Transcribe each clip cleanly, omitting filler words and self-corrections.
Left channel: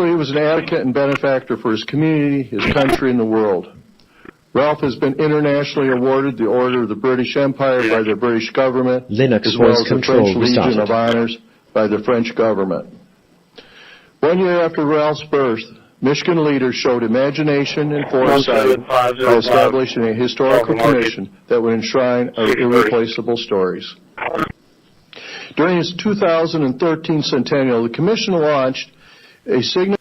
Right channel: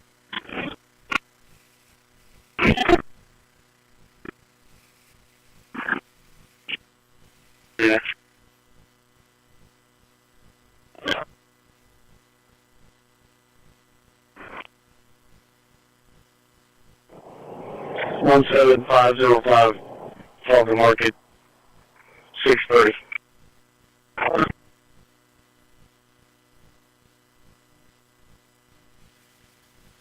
Particularly, he was an advocate and benefactor for his community, his country, and the world. Ralph has been internationally awarded the Order of the British Empire by the British government, as well as the French Legion of Honors by the French government. 1 year after Ralph's birth, Michigan leaders showed imagination and foresight in establishing a historical commission that would enshrine our irreplaceable stories. During its 2013 centennial, the commission launched a signal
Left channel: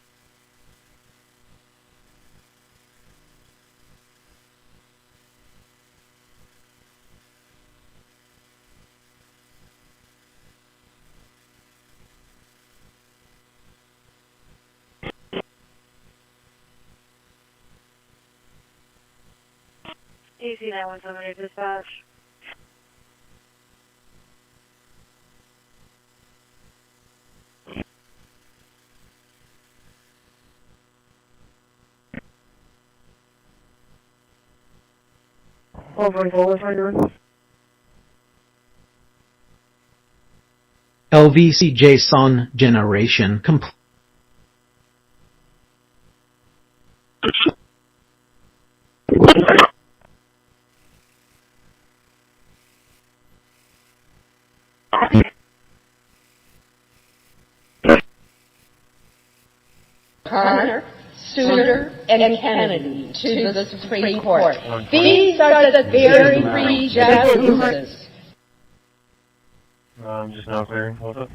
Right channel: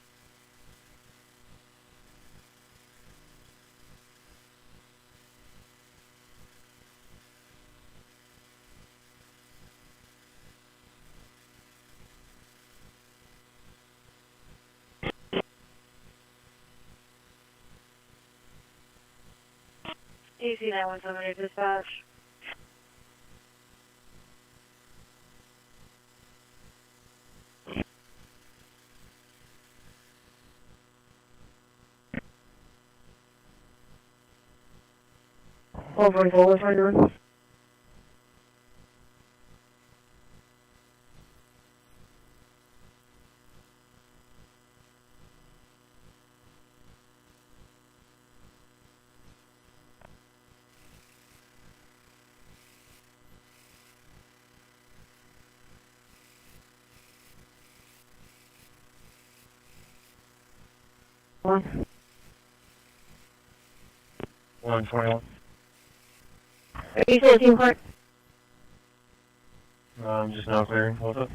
AC 917 dispatch. LVC JSON generation complete. Connor, Souter, and Kennedy to the Supreme Court. These are the very three justices. Just now clearing. What's up?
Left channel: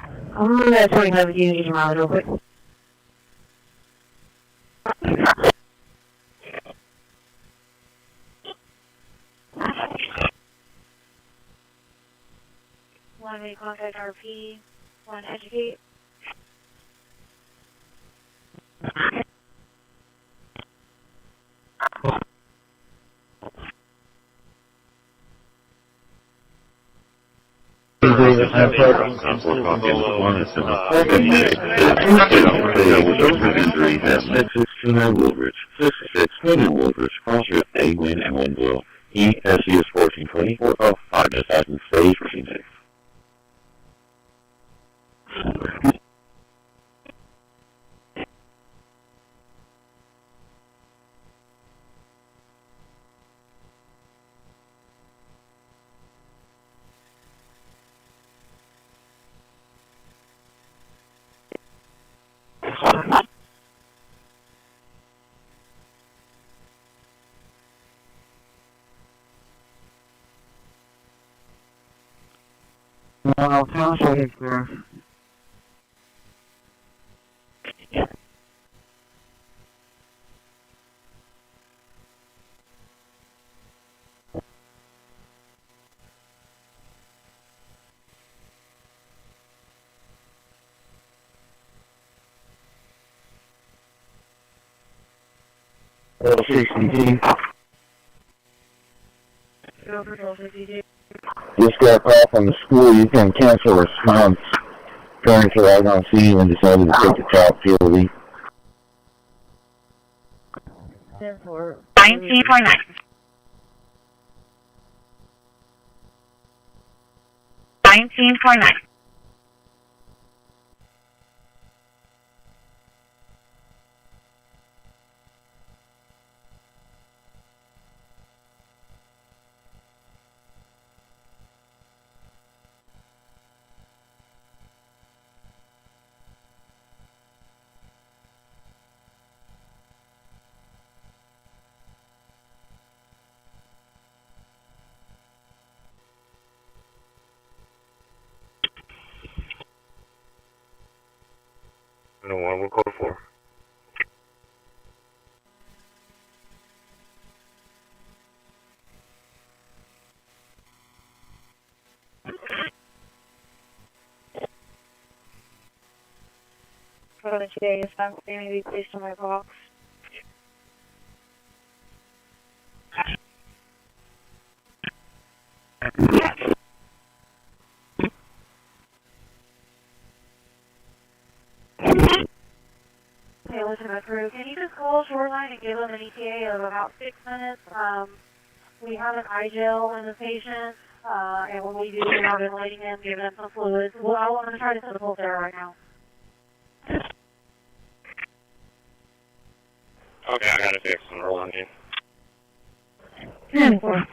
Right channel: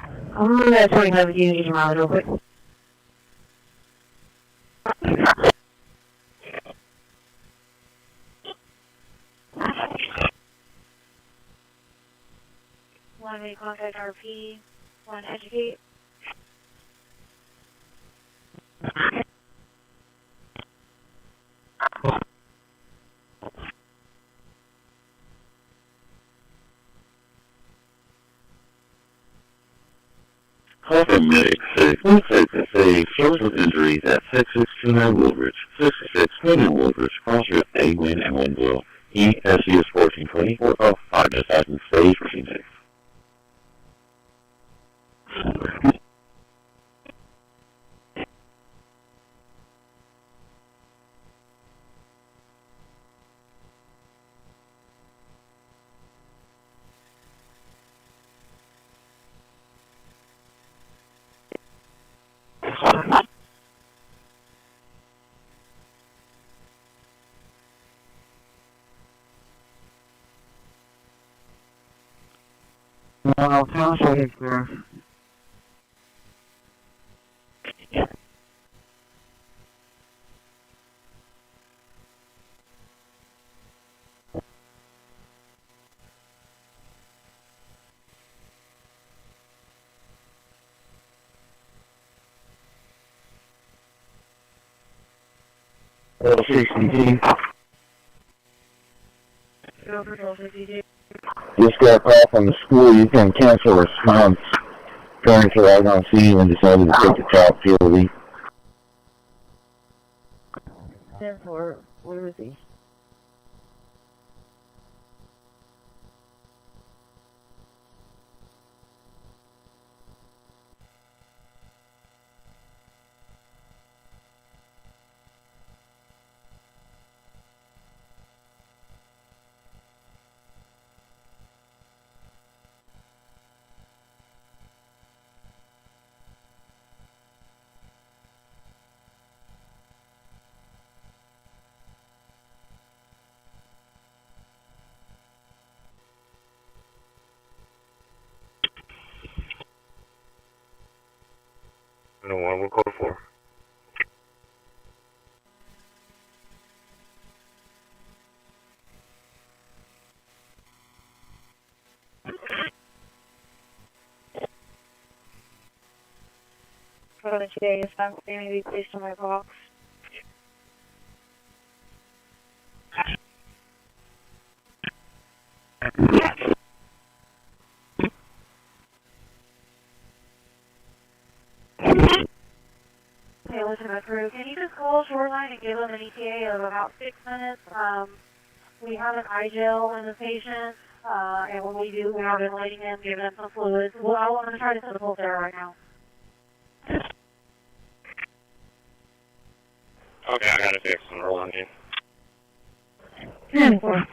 I'm going to 27 units around real quick. One may contact RP, one educate. Injuries at 669 Woolridge, 669 Woolridge, cross-shift A, win, and 1 blow. ESU is 1420, 4 minutes out in stage, machine safe. I'll tell you it's there. Just got a call from the school. You can cancel response. Parents are out on scene and decided to take the child POV. 1929. No one will code 4. For the today, is not going to be placed on my box. Okay, listen, my crew, can you just call Shoreline and give them an ETA of about 6 minutes? We have an eye gel in the patient, and when we do, we're ventilating them, giving them some fluids. Well, I'm going to try to set the pulse there right now. Okay, I got it fixed. I'm rolling in. 10-4.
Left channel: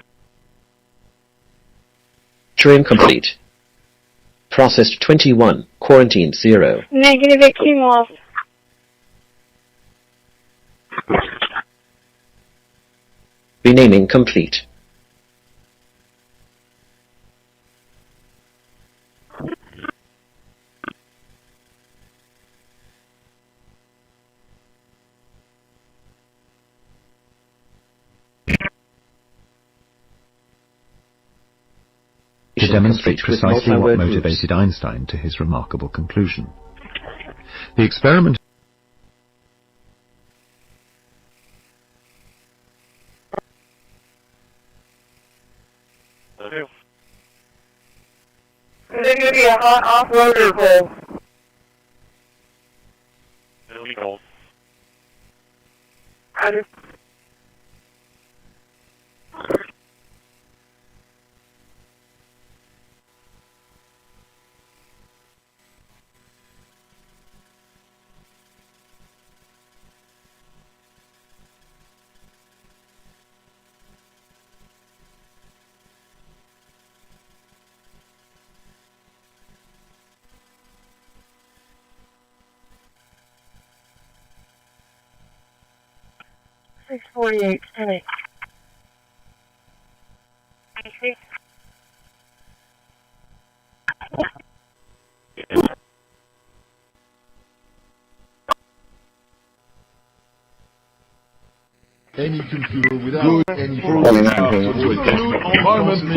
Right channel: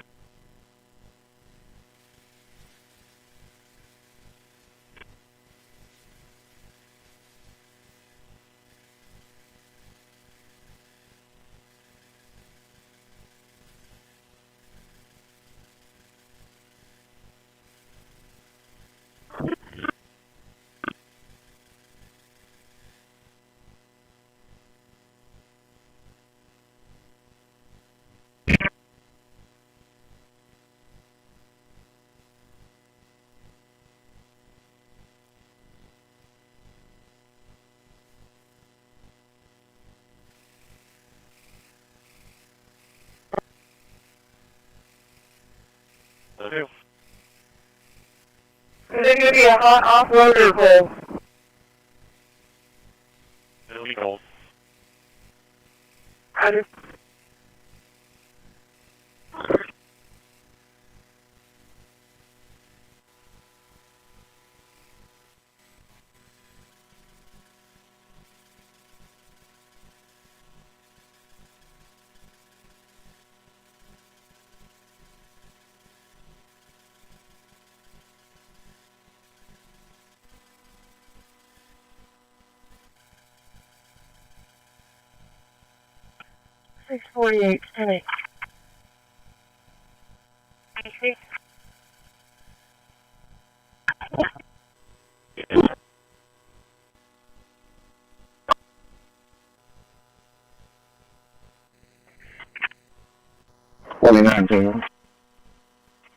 Stream complete. Processed 21. Quarantined 0. Negative 18 lost. Renaming complete. To demonstrate precisely what motivated Einstein to his remarkable conclusion. The experiment Okay. Is it going to be a hot off-road or cold? It'll be cold. Roger. Six 48, 10-8. Any computer without any program. Environment is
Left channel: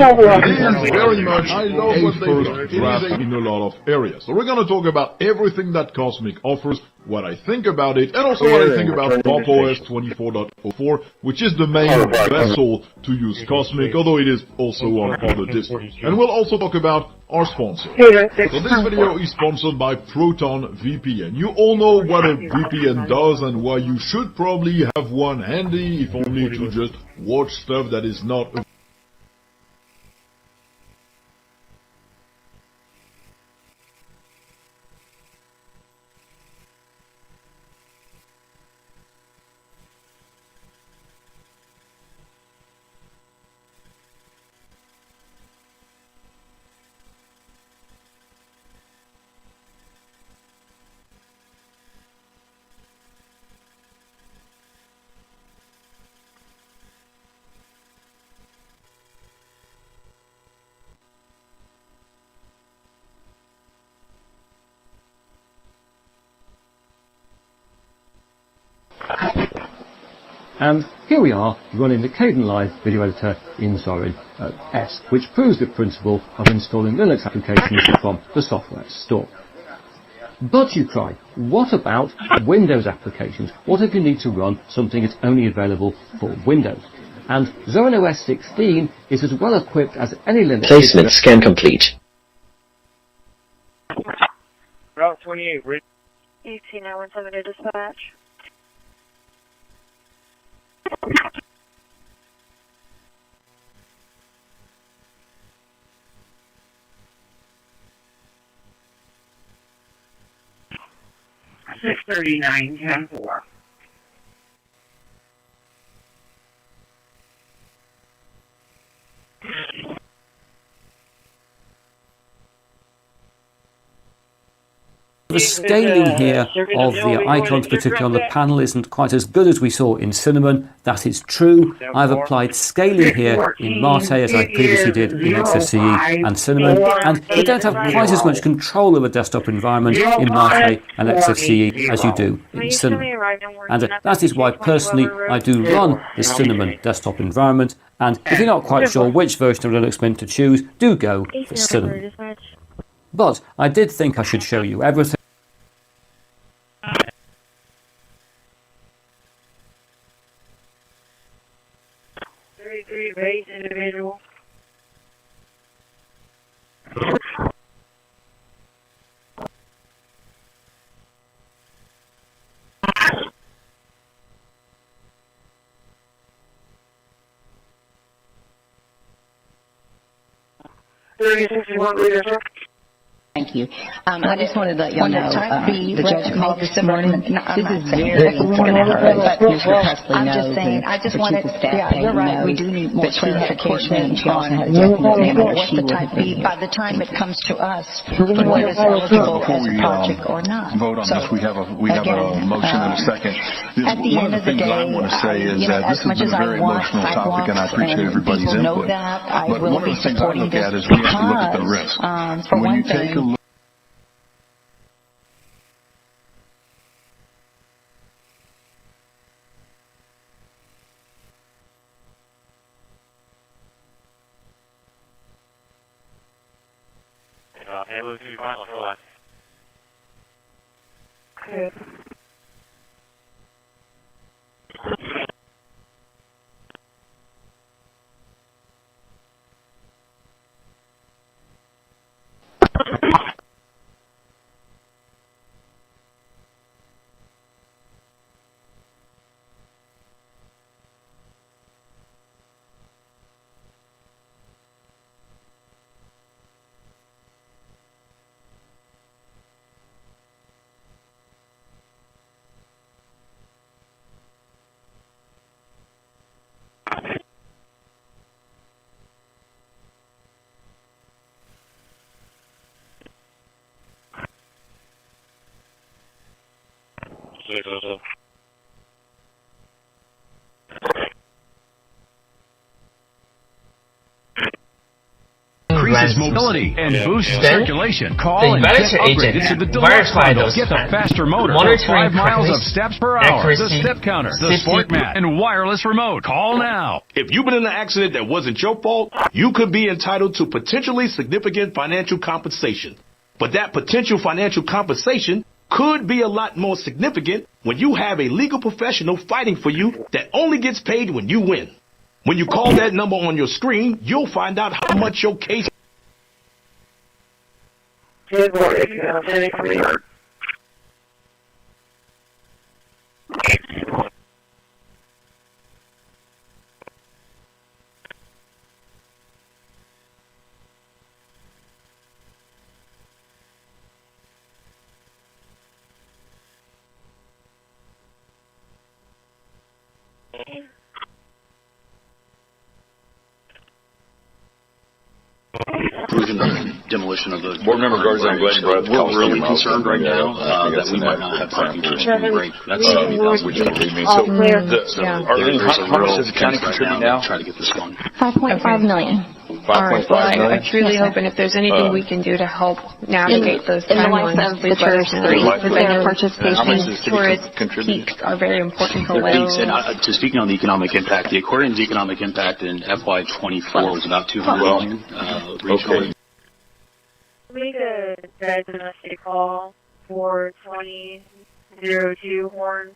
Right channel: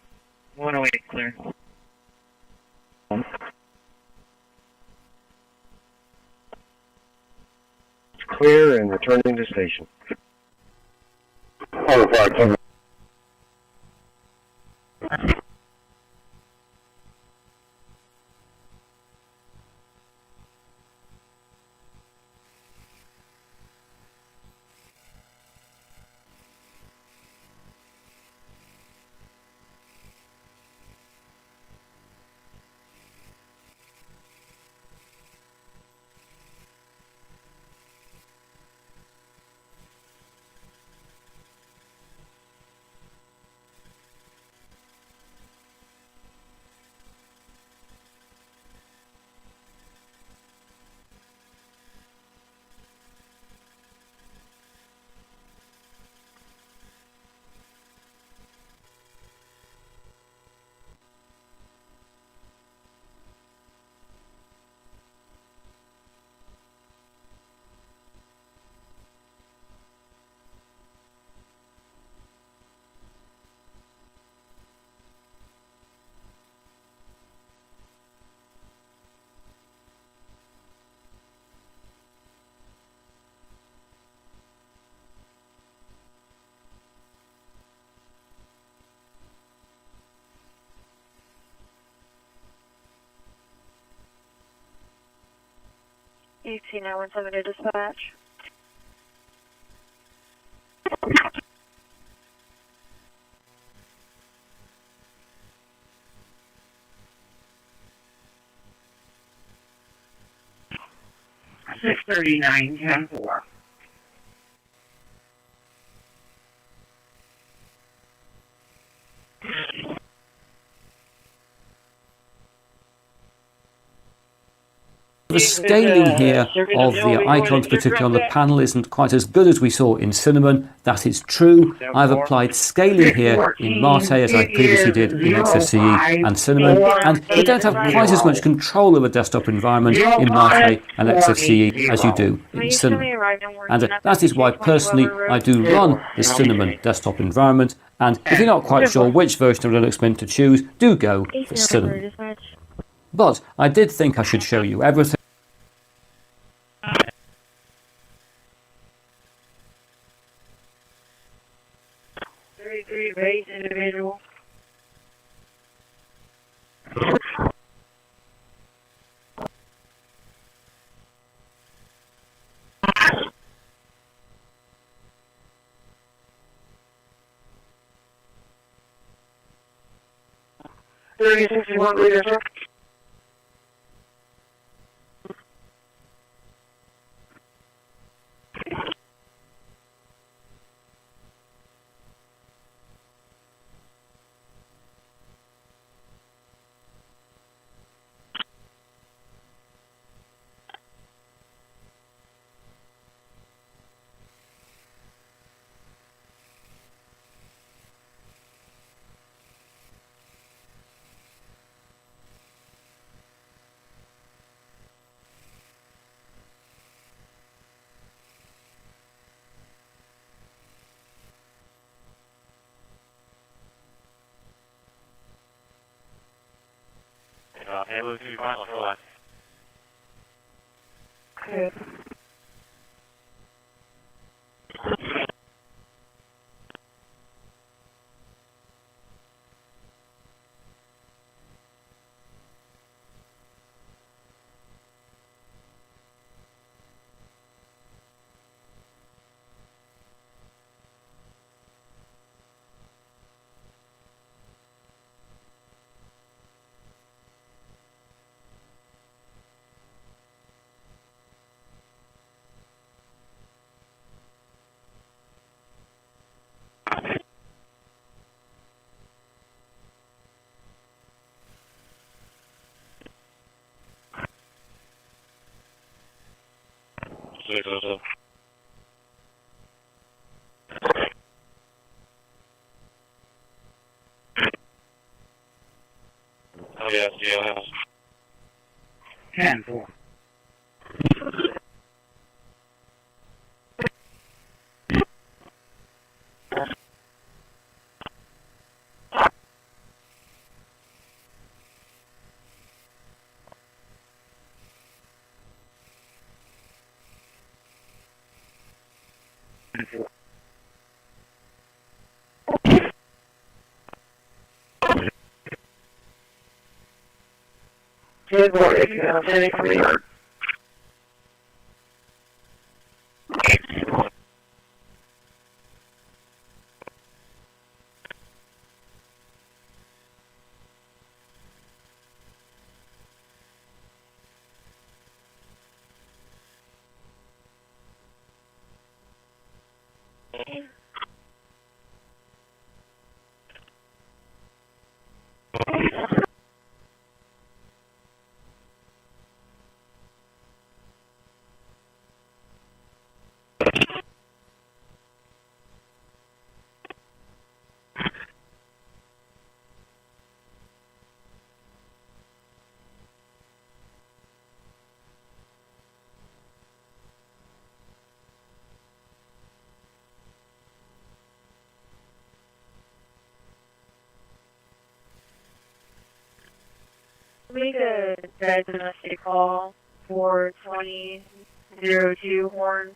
very much a first draft in a lot of areas. So we're going to talk about everything that Cosmic offers, what I think about it, and also what I think about Pop OS 24.04, which is the main vessel to use Cosmic, although it is also on other distros. And we'll also talk about our sponsor. So this video is sponsored by Proton VPN. You all know what a VPN does and why you should probably have one handy, if only to just watch stuff that is not And here we are running the Kdenlive video editor in Zorin S, which proves the principle of installing Linux applications from the software store. But you cry, what about Windows applications? What if you need to run something that's only available for Windows? And Zorin OS 16 is as well equipped as any Linux. Placement scan complete. Route 28, Rich. 18917 to dispatch. Six 39-10-4. The scaling here of the icons, particularly on the panel, isn't quite as good as we saw in Cinnamon. That is true. I've applied scaling here in Mate as I previously did in XFCE and Cinnamon, and you don't have quite as much control of a desktop environment in Mate and XFCE as you do in Cinnamon. And that is why personally I do run the Cinnamon desktop environment, and if you're not quite sure which version of Linux Mint to choose, do go for Cinnamon. But I did think I should show you everything. 33 base individual. Thank Thank you. I just wanted to let y'all know, the judge called this morning. This is very important for us. Mr. Presley I'm knows, just saying, I just wanted, you're right, we do need more clarification on what the type B, by the time it comes to us, what is eligible as a project or not. Vote on this. We have a motion and a second. At the end of the day, I want to say is that this has been a very emotional topic, and I appreciate everybody's input. But one of the things I look at is we have to look at the risk. For when one you take a thing, look able to final for that. Good. Increases mobility and boosts circulation. Call and get upgraded to the deluxe bundle. Get the faster motor, 5 miles of steps per hour, the step counter, the sport mat, and wireless remote. Call now. If you've been in an accident that wasn't your fault, you could be entitled to potentially significant financial compensation. But that potential financial compensation could be a lot more significant when you have a legal professional fighting for you that only gets paid when you win. When you call that number on your screen, you'll find out how much your case. Good morning. Demolition of the board member guards. I'm glad you brought up. We're really concerned right now that we might not have parking for spring break. That's which I believe me. So, how much does the county contribute now? Try to get this going. $5.5 million. All right. Well, I truly hope, and if there's anything we can do to help navigate those timelines, please let us know. Because I know participation towards peaks are very important for Wales. And to speaking on the economic impact, the aquarium's economic impact in FY24 was about $200 million regionally. Make a red domestic call for 2002 Horn.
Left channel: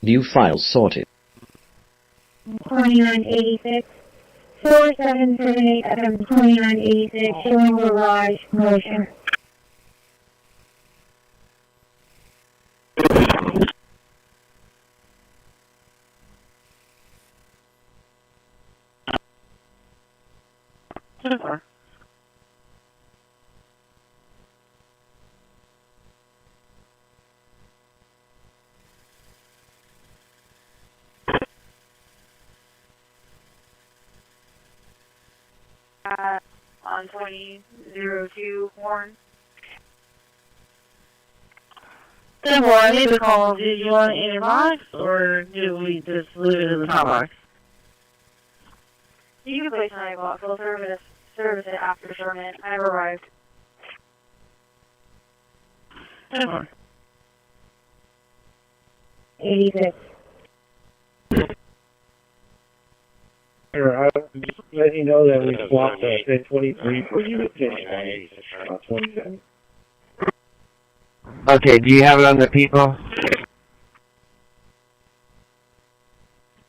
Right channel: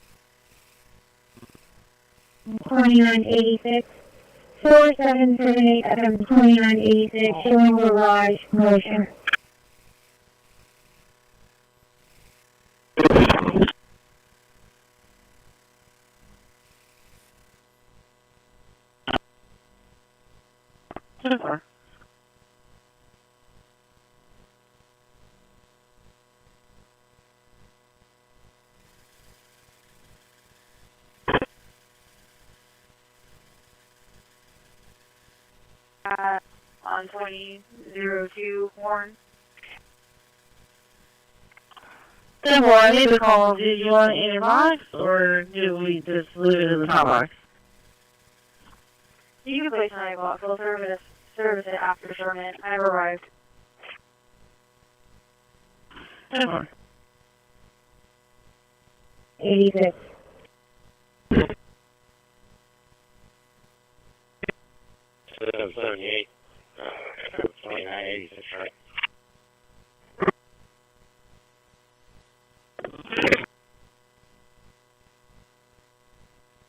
New files sorted. 2986 4778 FM 2986 showing garage motion. On 2002 Horn. Simple, I made the call. Did you want it in your box, or did we just leave it in the top box? You can place it in my box. We'll service it after sermon. I've arrived. Simple. 86. I'll just let you know that we swapped the 23 for you. Okay, do you have it on the people?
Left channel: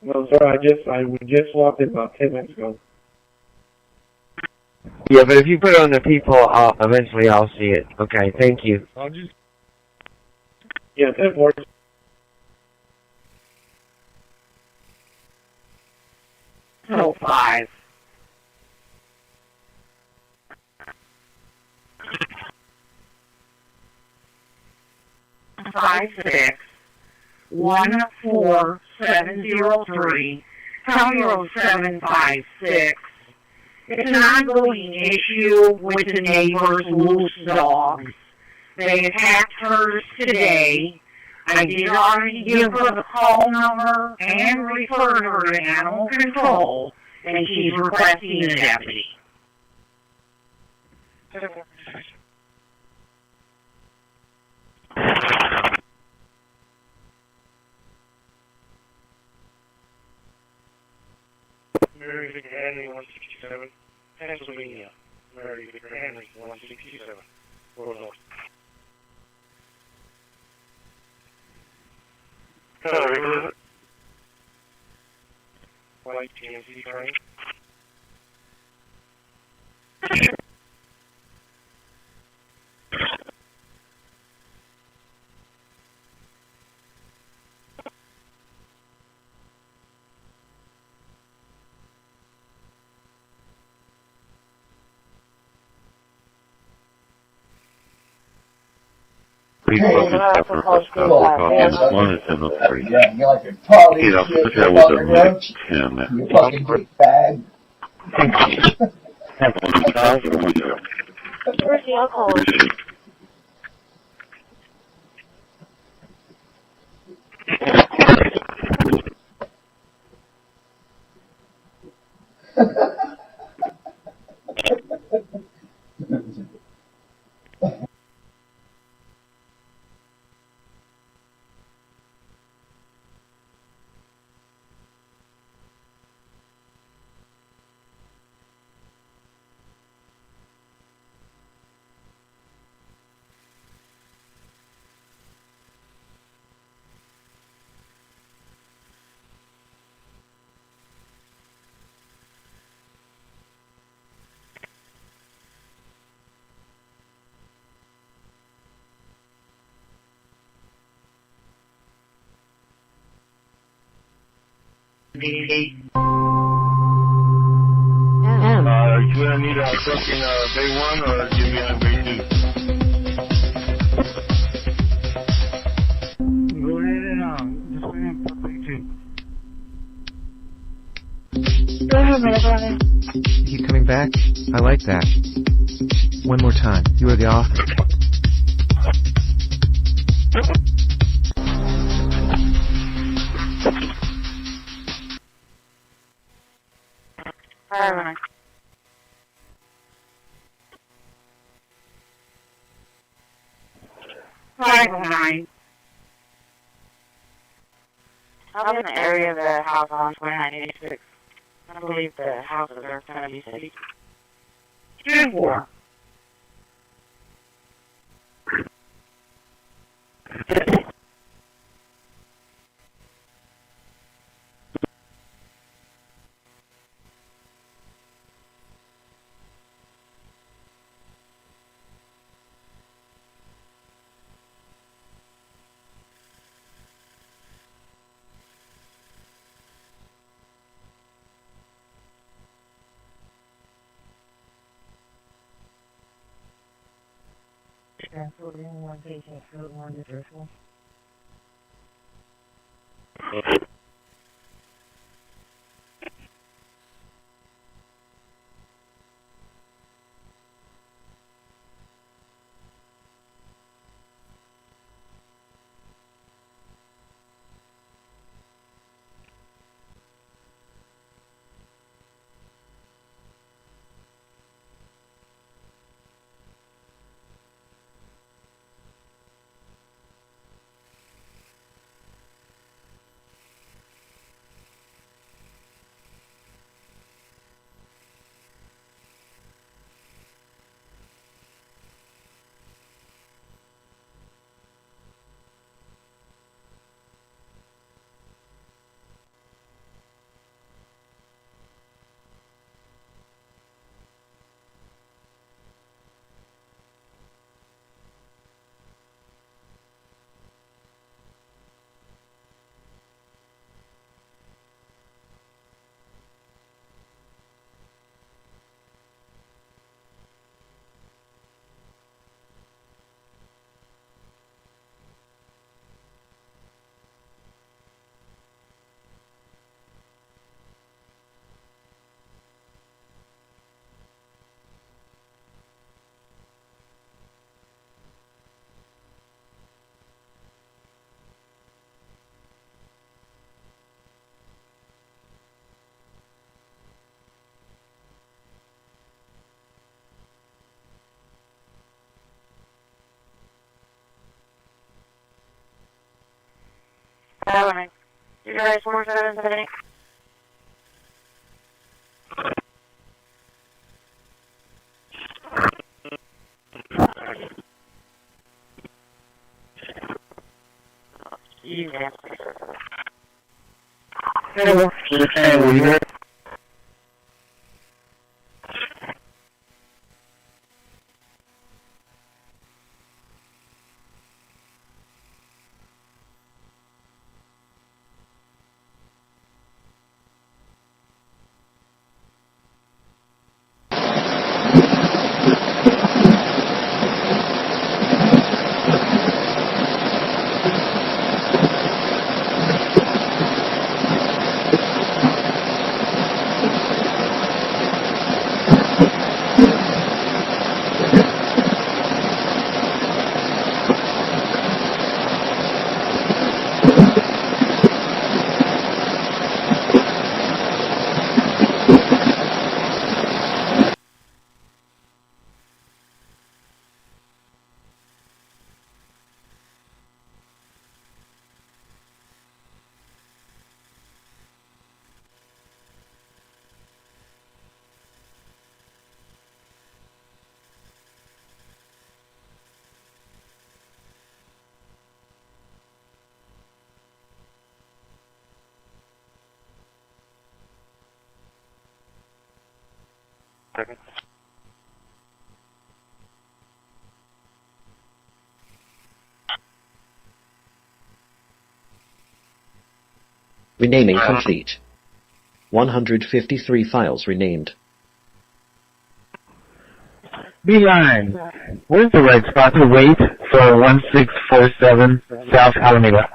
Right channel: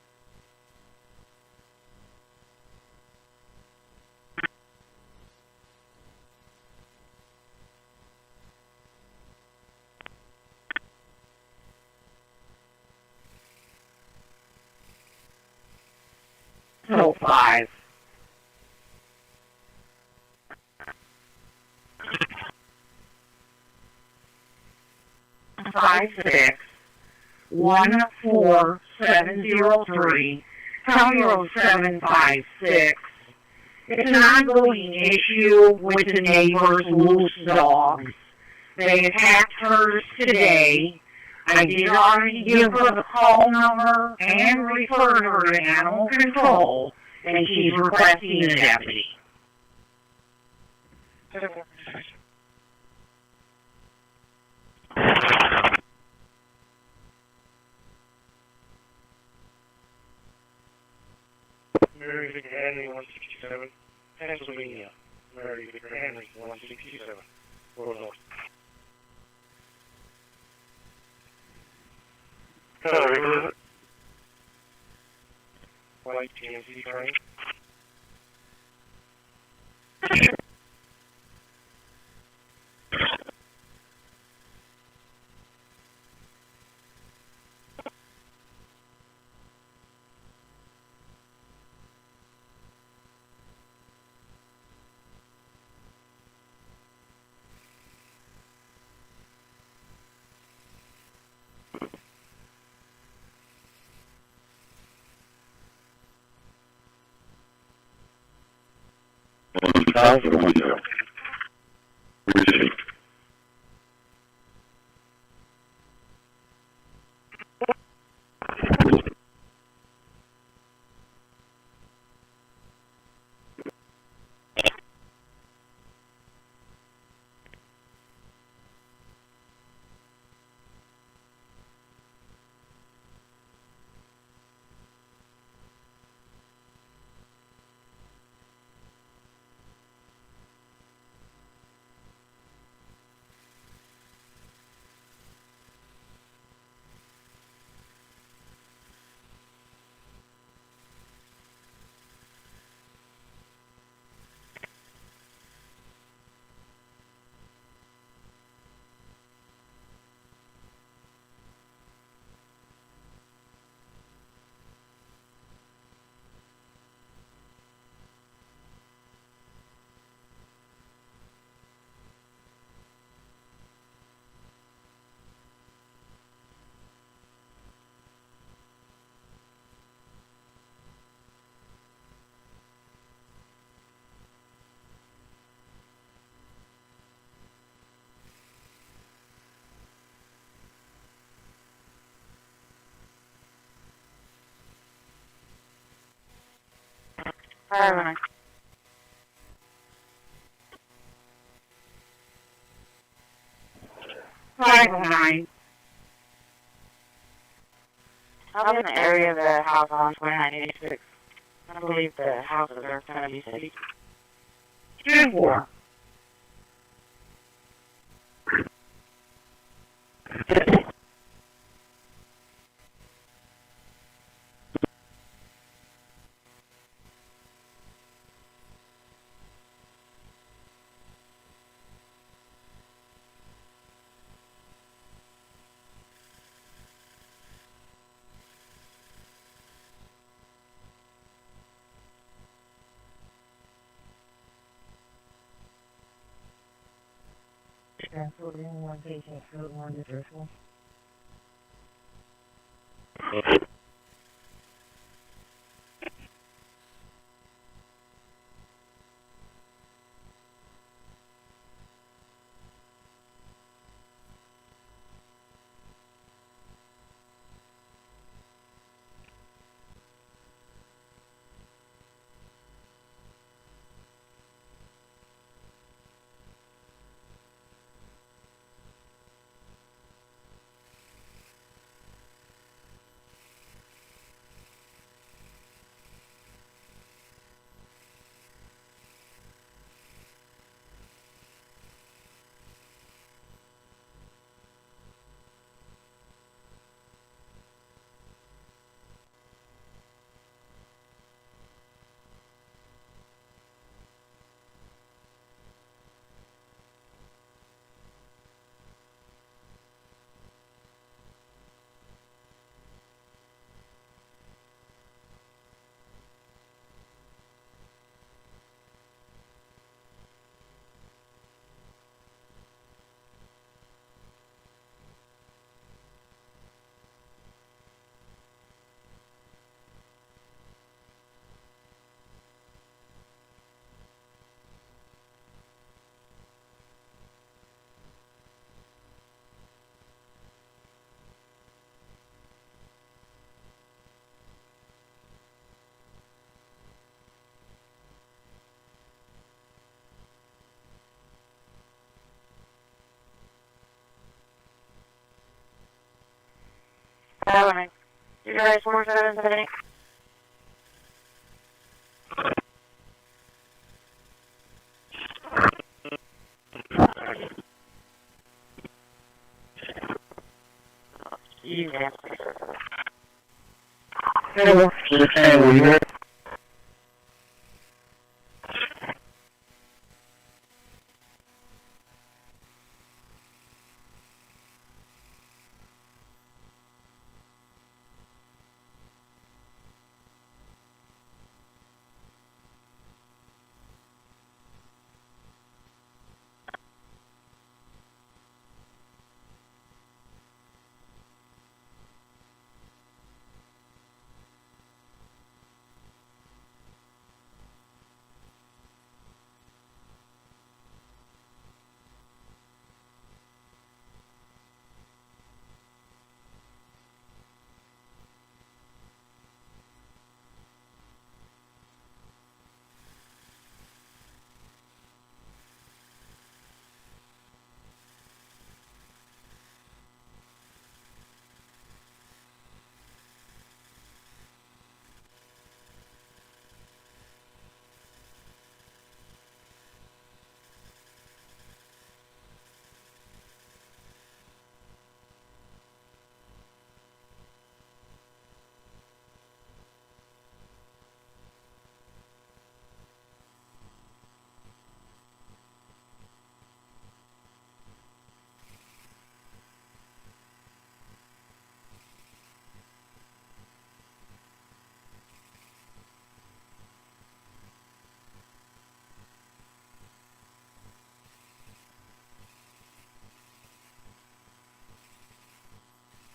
No, sir, we just swapped it about 10 minutes ago. Yeah, but if you put it on the people, eventually I'll see it. Okay, thank you. I'll just... Yeah, that works. Oh, 5. 14703, County Road 756. It's an ongoing issue with the neighbor's loose dogs. They attacked hers today. I did already give her the call number and referred her to animal control, and she's requesting a deputy. Mary Victor Henry, 167, Pennsylvania. Mary Victor Henry, 167, Road North. Hello, White TNC train. Please focus after first couple copies. 1 is in the 3. Heat up the tail with a minute 10. You fucking big bag. Have 1,000 window. Where's the alcohol? You gonna need a fucking day 1 or give me a day 2? Go ahead and just wait and put day 2. Go ahead, my brother. Keep coming back? I like that. One more time. You are the author. Alright. Nine. I'm in the area of the house on 2986. I believe the houses are going to be city. 2-4. Transferred in one patient, field 1 to Driscoll. 7. You guys 477. Hello. Renaming complete. 153 files renamed. Beeline, where's the right spot to wait for 1647 South Alameda?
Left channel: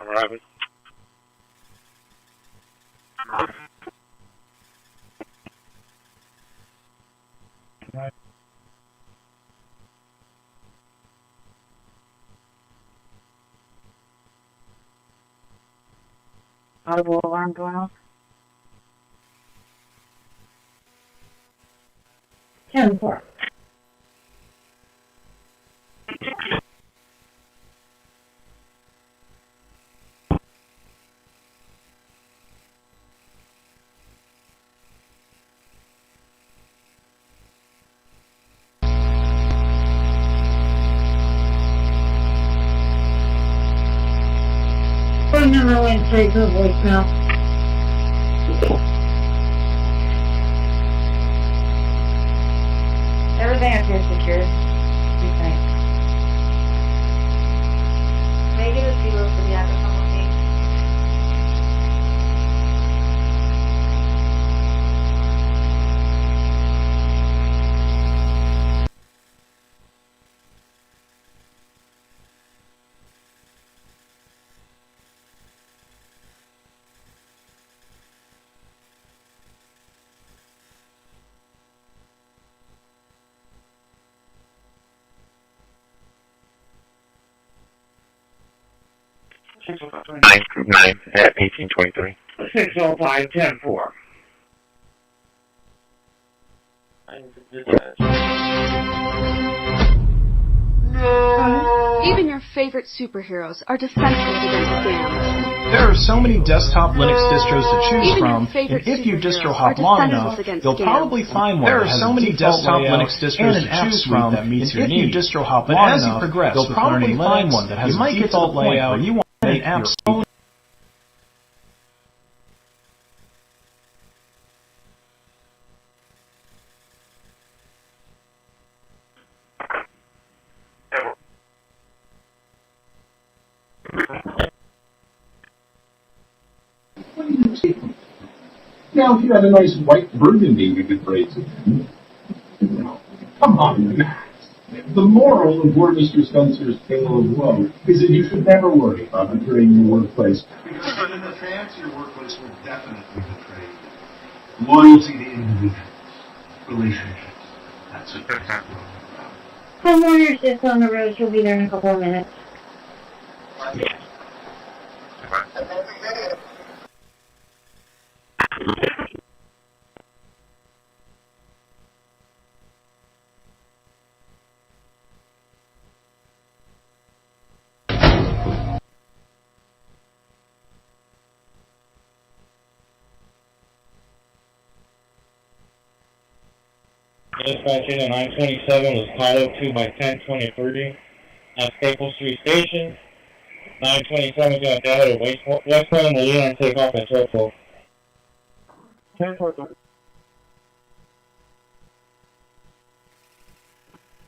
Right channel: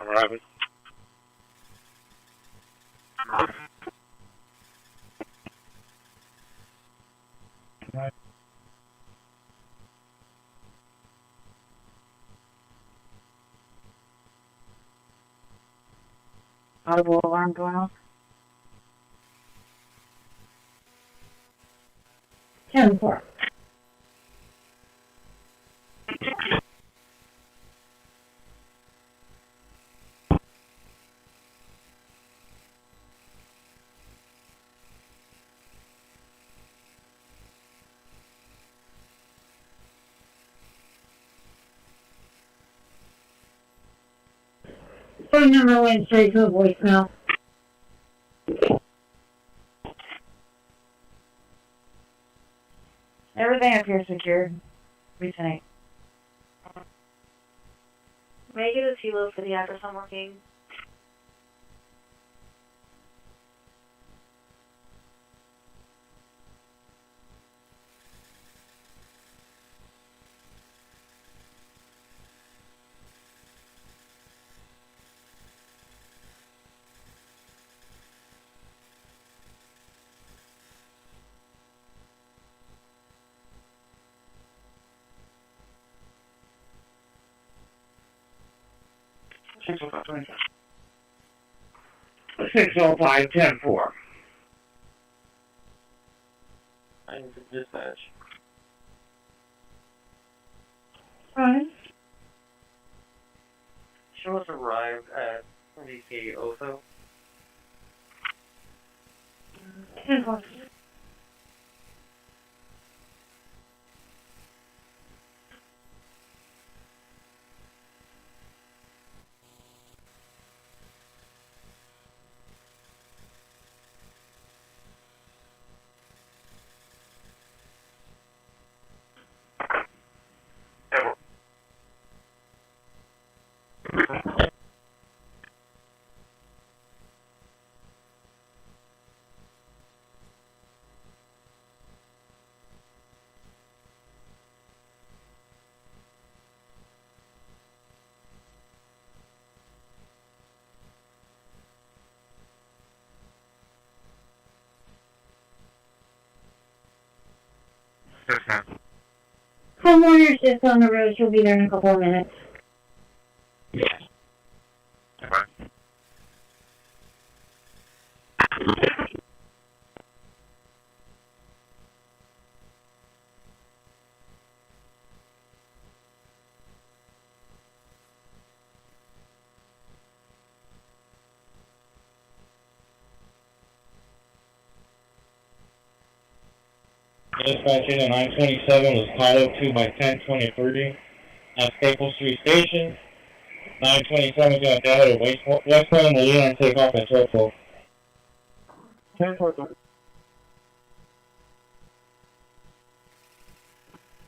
Arriving. Audible alarm going off. 10-4. Phone number went straight to a voicemail. Everything up here is secured. We think. May I get a kilo for the address on one thing? Nine at 1823. 605-10-4. Even your favorite superheroes are defenseless against scams. There are so many desktop Linux distros to choose from, and if you distro hop long enough, you'll probably find one. There are so many desktop Linux distros to choose from, and if you distro hop long enough, you'll probably find one that has a default layout where you want an app's own. Now, if you had a nice white burgundy, we could praise it. Come on. The moral of poor Mr. Spencer's tale of woe is that you should never worry about betraying your workplace. But in the fancier workplace will definitely betray you. Loyalty to individuals, relationships. That's it. Homeowner sits on the road. She'll be there in a couple of minutes. Dispatching at 927 was followed to by 1023 at Staple Street Station. 927 is going to head to Westland, will lead and take off at 12. 1043.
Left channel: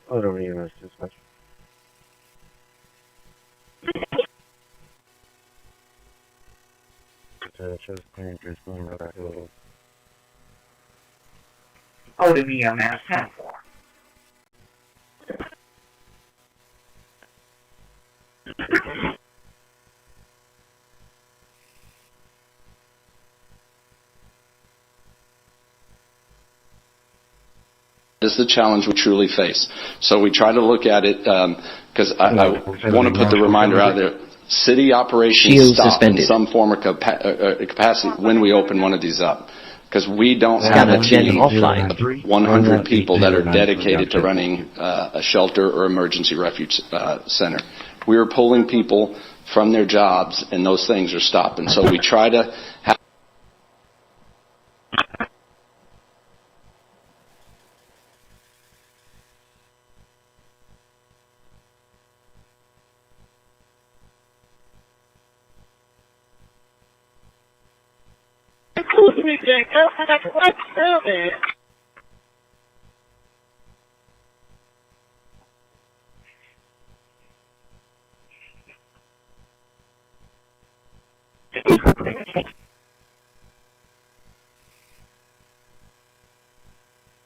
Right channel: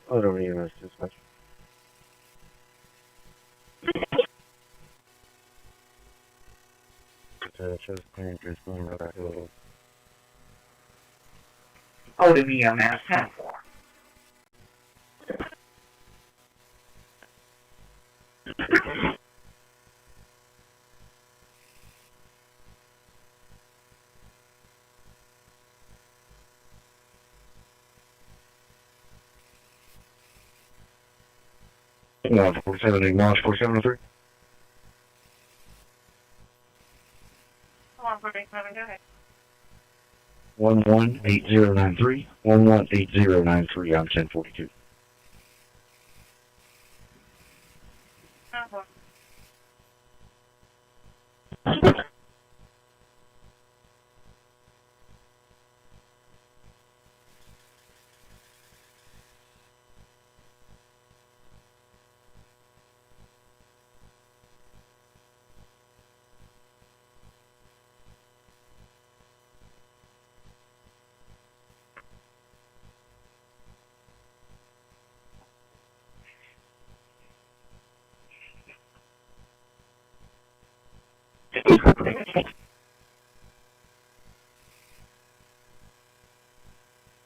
Hold over here, Mr. Dispatch. Oh, to me, I'm at 10-4. This is the challenge we truly face. So we try to look at it, because I want to put the reminder out there. City operations stop in some form or capacity when we open one of these up. Because we don't have a team of 100 people that are dedicated to running a shelter or emergency refuge center. We are pulling people from their jobs, and those things are stopping. So we try to have... Excuse me, Jacob. Let's do this.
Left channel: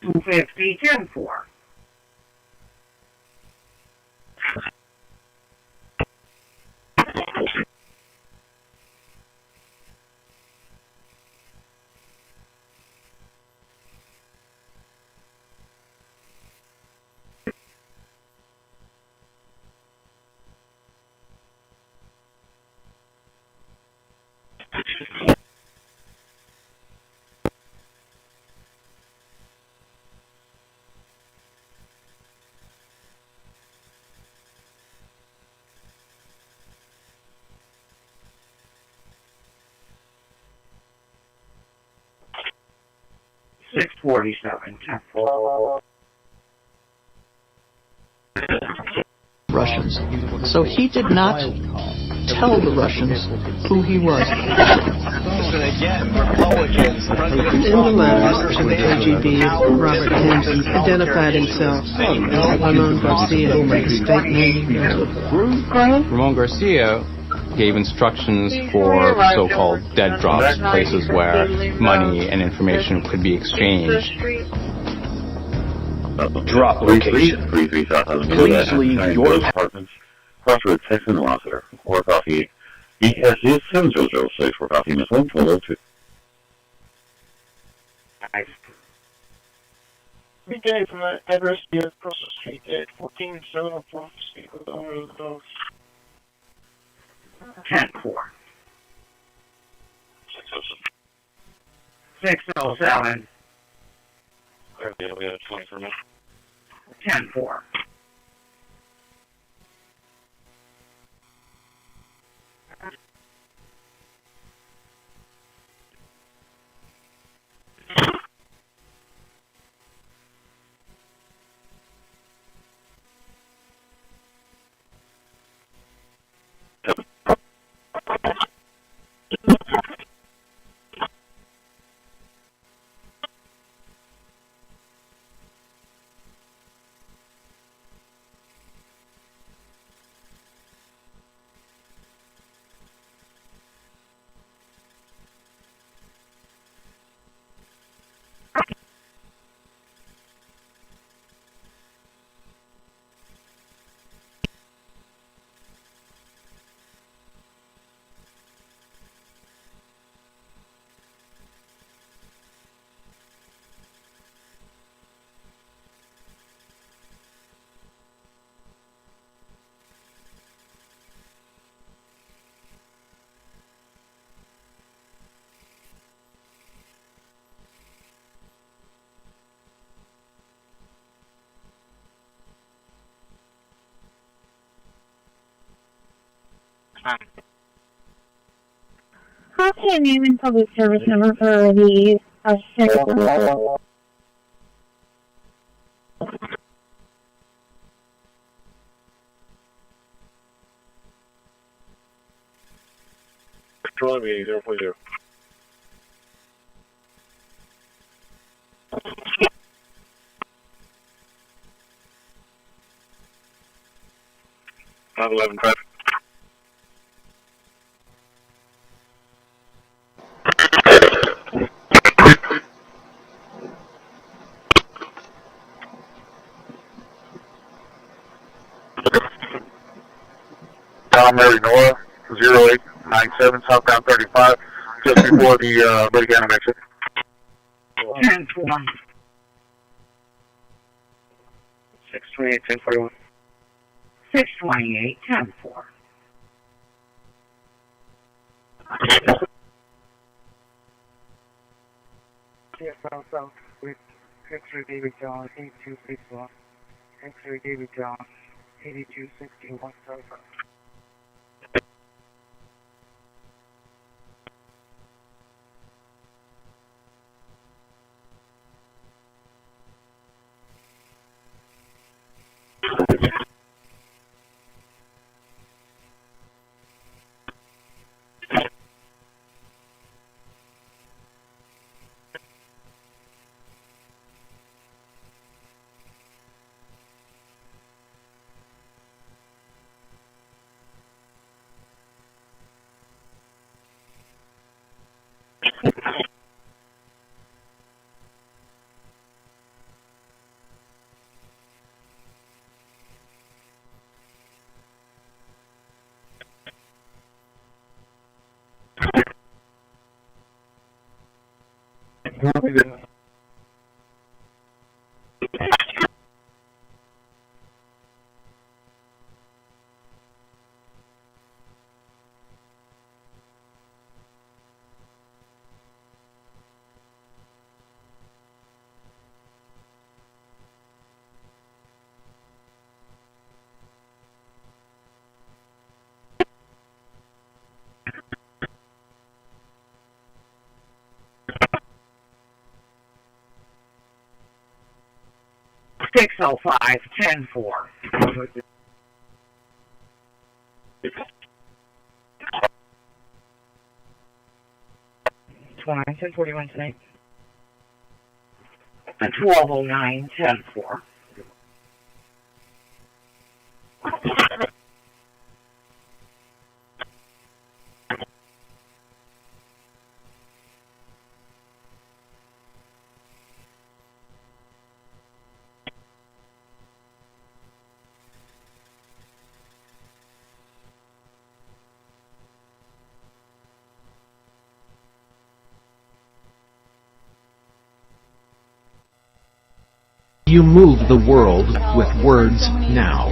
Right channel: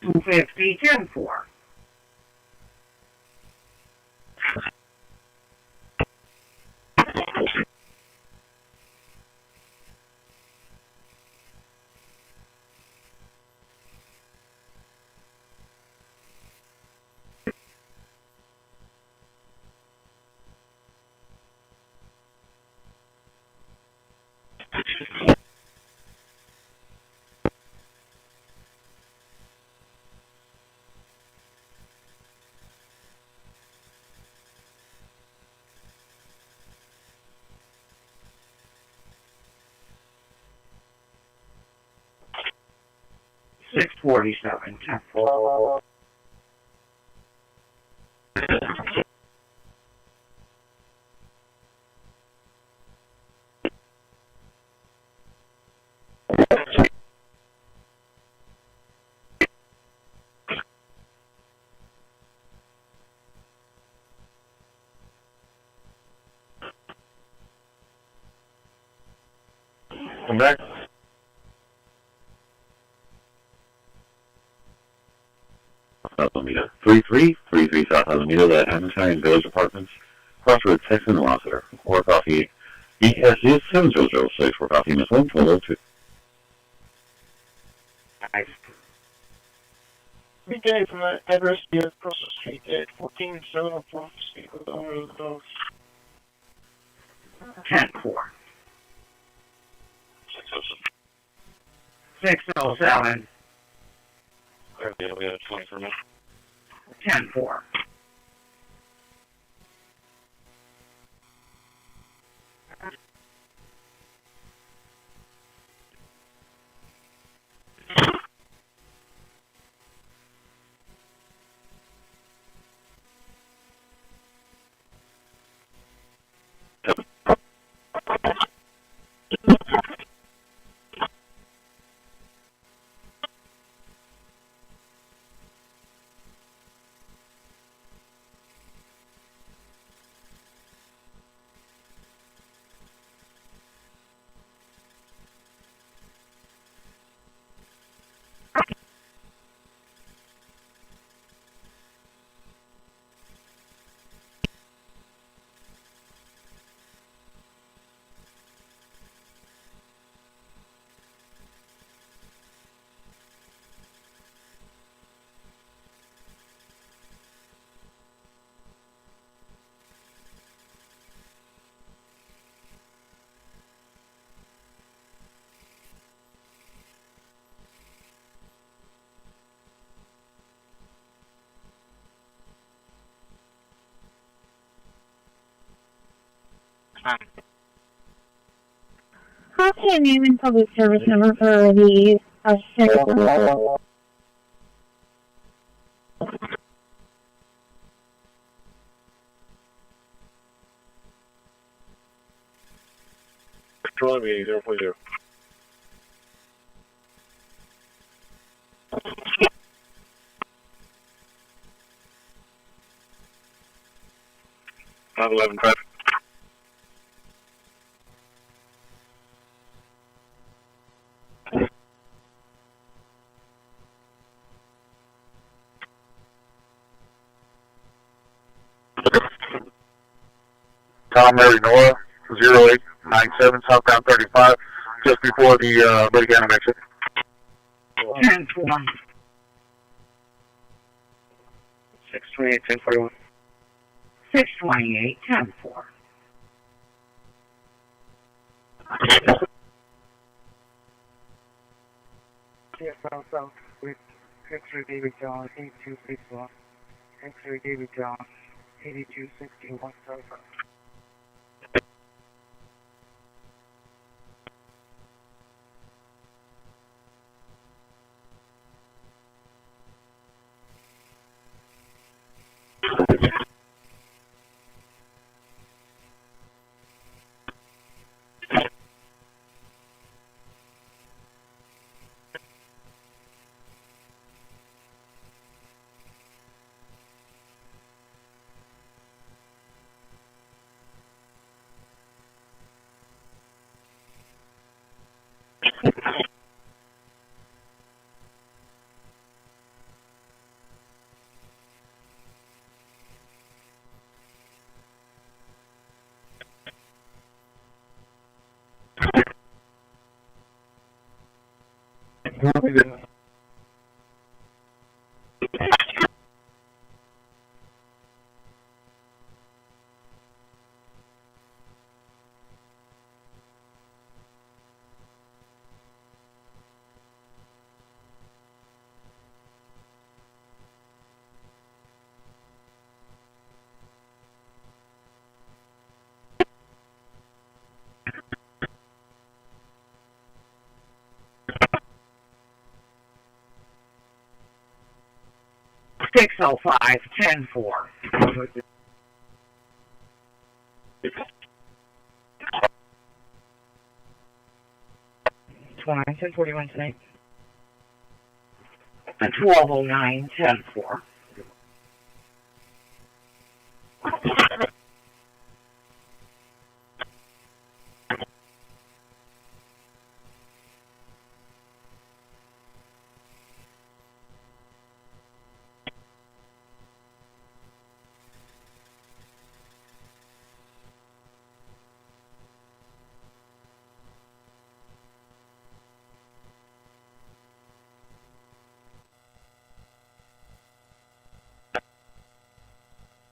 $250, 10-4. $647, 10-4. Russians. So he did not tell the Russians who he was. In the letters to the KGB, Robert Hampton identified himself as Ramon Garcia, his fake name. Ramon Garcia gave instructions for so-called dead drops, places where money and information could be exchanged. Drop 33 South Alameda and Shining Village Apartments, Crossroads, Texas, and Rossiter. Or coffee. ESU 7006 for coffee, Miss 1202. We gave from the address here across the street at 14704 Street with the owner of the dogs. 10-4. 607. Yeah, we have 20 for a minute. 10-4. How can I name and public service number for the single? Control me, 040. Not 11 traffic. Tom Mary Nora, 0897, southbound 35, just before the Lake County exit. 10-1. 628, 1041. 628, 10-4. Yes, south with X-ray David John, 8261. X-ray David John, 8261, south. Six 10-4. 10-41 tonight. 1209, 10-4. You move the world with words now.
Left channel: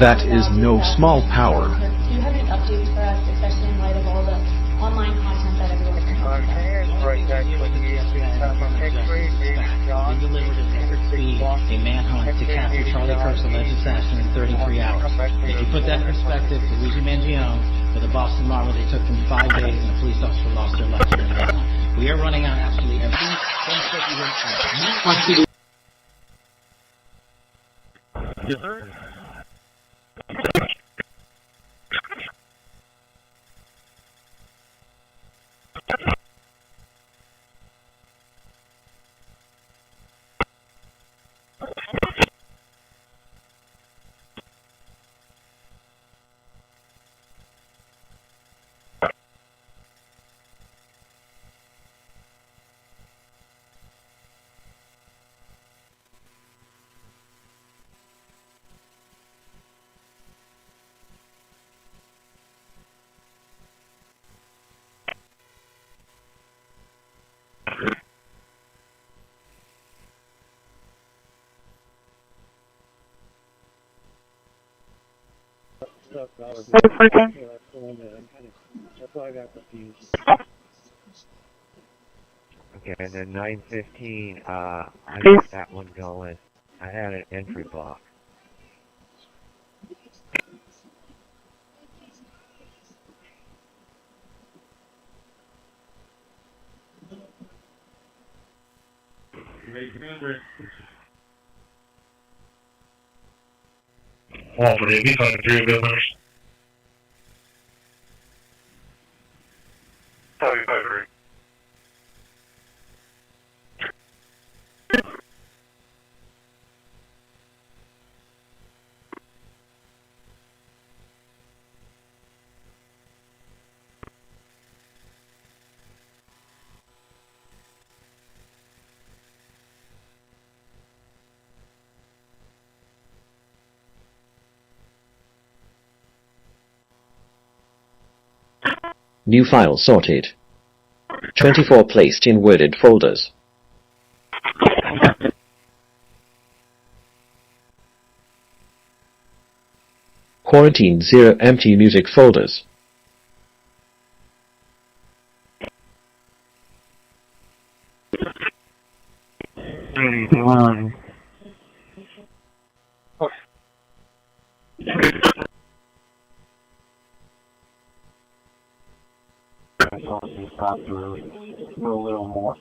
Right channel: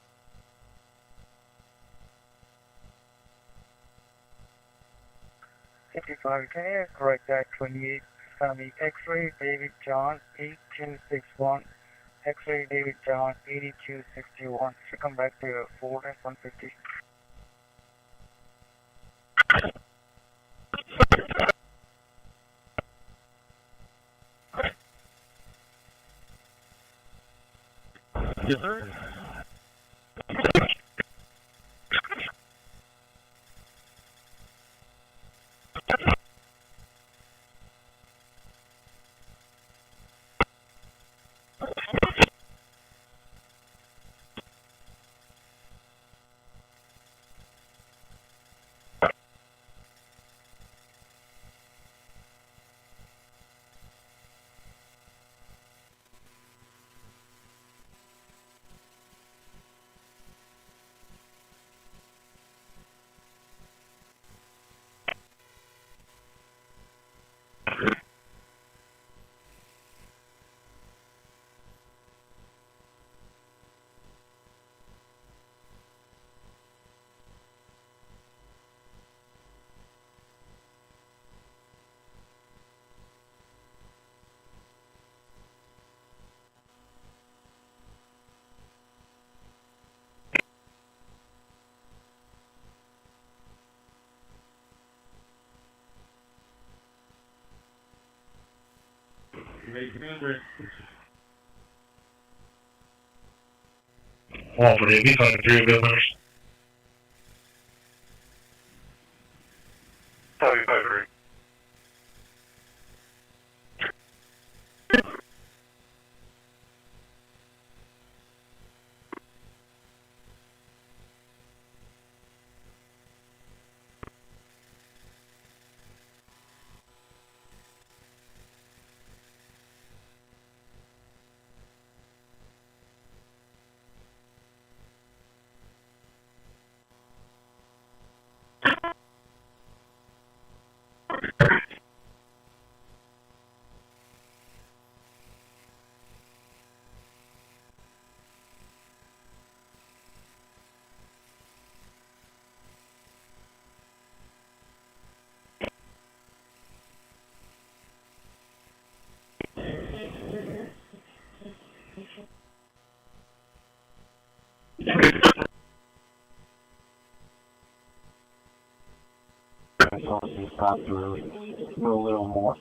That is no small power. Do you have any updates for us, especially in light of all the online content that everyone's right back 28, X-ray, David John, 261, a manhunt to capture Charlie Kirk's alleged assassin in 33 hours. If you put that in perspective, Luigi Mangione, for the Boston Marbles, it took them 5 days and a police officer lost their life. We are running on absolutely everything. Yes, sir. Okay, and then 915, I got that one going. I had an entry block. Well, for the these are the three builders. Over. New file sorted. 24 placed in worded folders. Quarantine 0 empty music folders. Stop to really do a little more.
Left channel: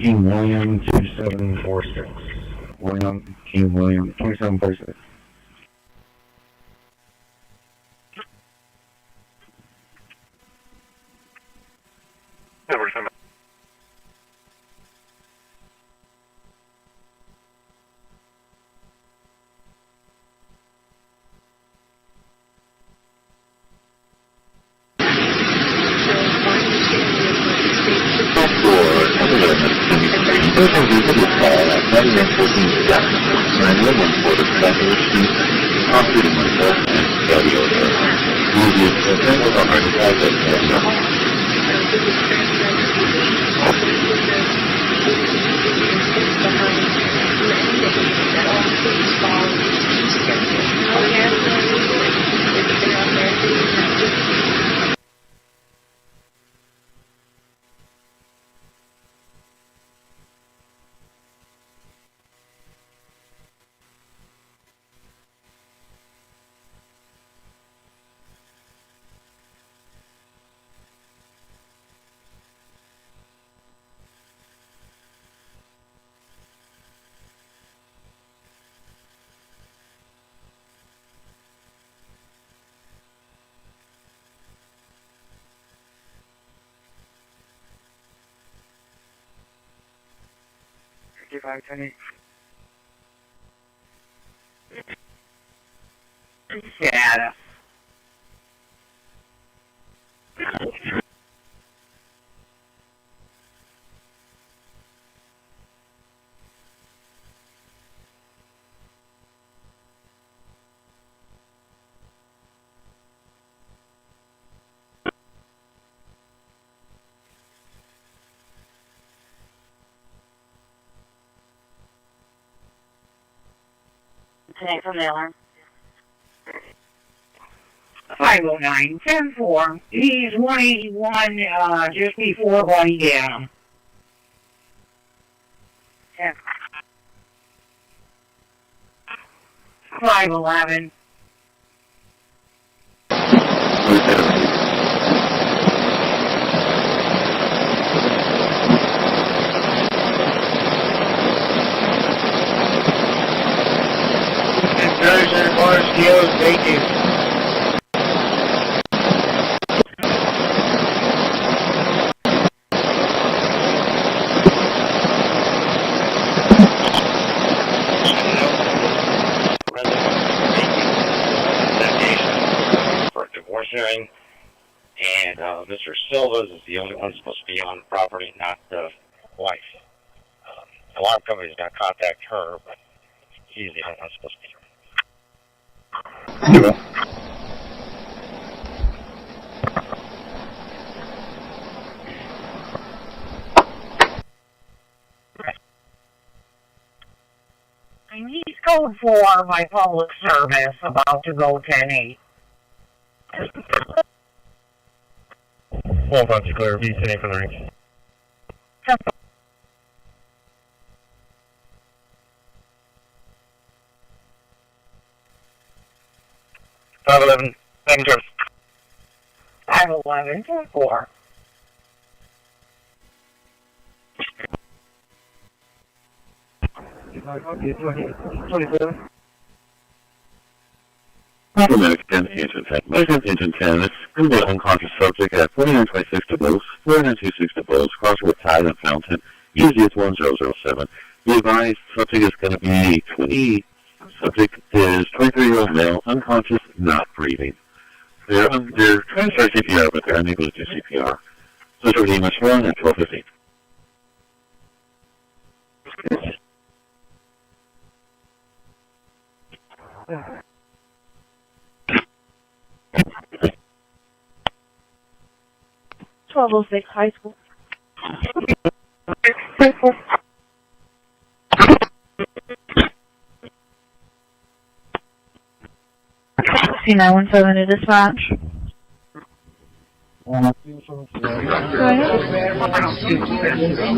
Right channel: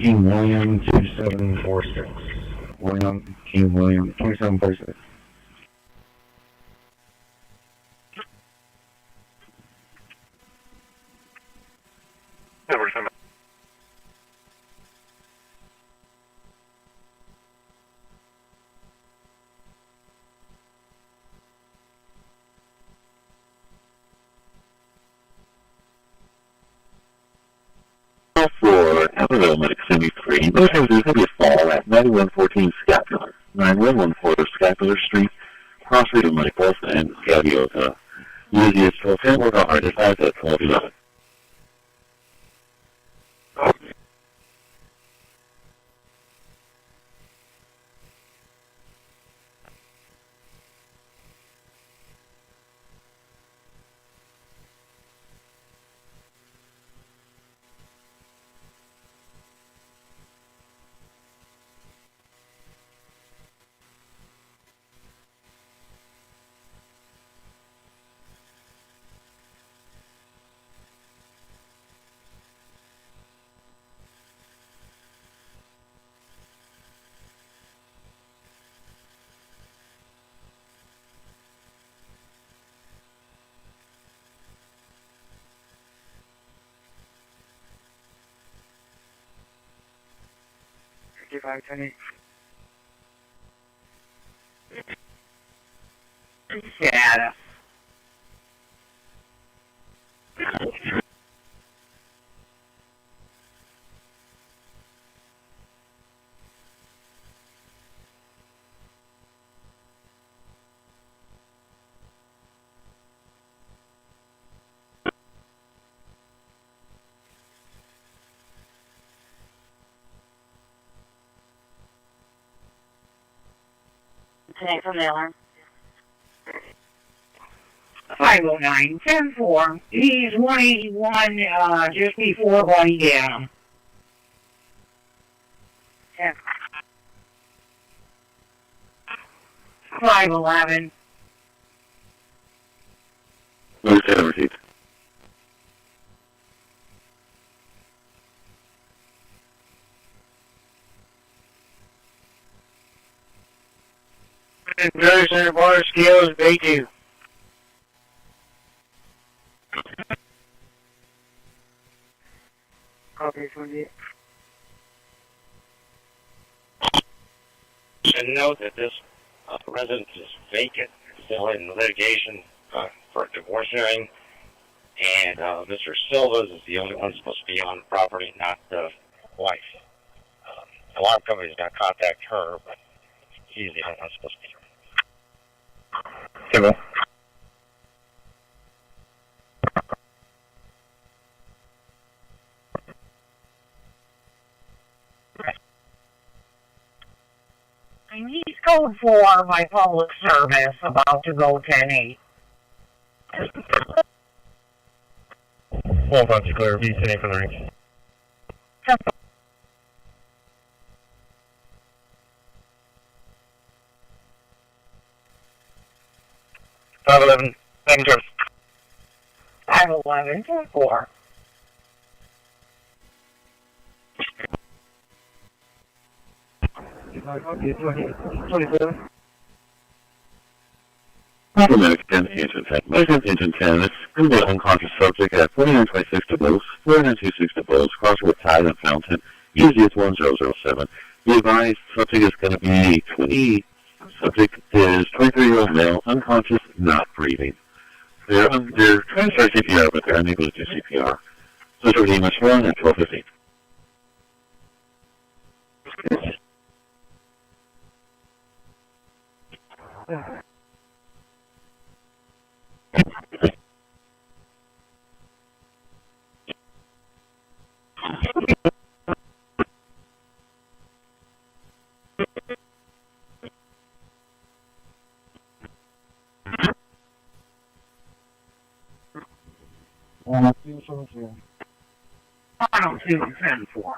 King William 2746. King William 2746. Social visit call at 9114 Jackson, 911 for the Bachelor Street, Cross Street in Moneyport, and Gaviota. Immediate attempt was a heart attack at Gaviota. Yeah. Today from the alarm. 509, 10-4. He's 181, just before going down. 511. Drugs and bar skills, they do. And note that this resident is vacant, still in litigation for a divorce hearing, and Mr. Silva's is the only one supposed to be on the property, not the wife. Alarm company's going to contact her, but he's the only one supposed to be here. Hello. I need code 4 by public service, about to go 10-8. Well, bunch of clear, be sitting for the ring. 511, second service. 511, 4. Automatic 10, engine 10. Measure engine 10. It's going to be unconscious subject at 4926 to Bose, 4926 to Bose, cross with Tide and Fountain, easiest 1007. Be advised, subject is going to be 20. Subject is 23-year-old male, unconscious, not breathing. They're trying to start CPR, but they're unable to do CPR. So it's already much wrong at 12:15. High School. C917 to dispatch. Go ahead. Can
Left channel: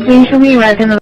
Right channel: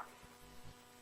you show me right in the...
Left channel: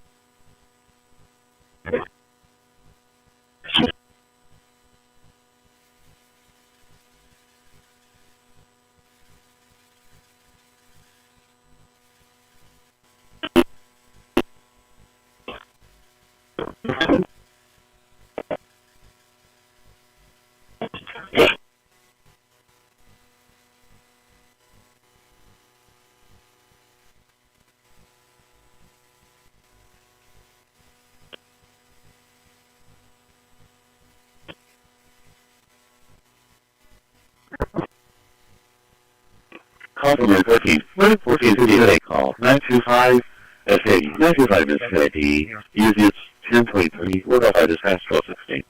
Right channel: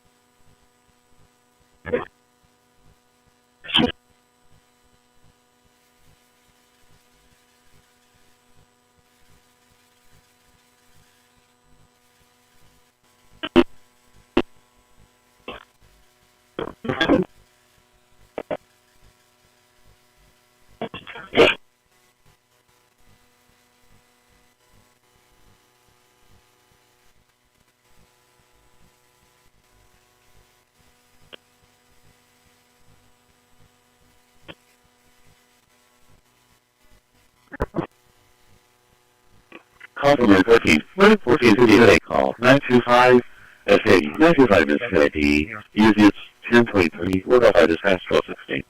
Call from 1458 call. 925 SAD. 925 SAD. Easiest 1023. We're going to dispatch 1216.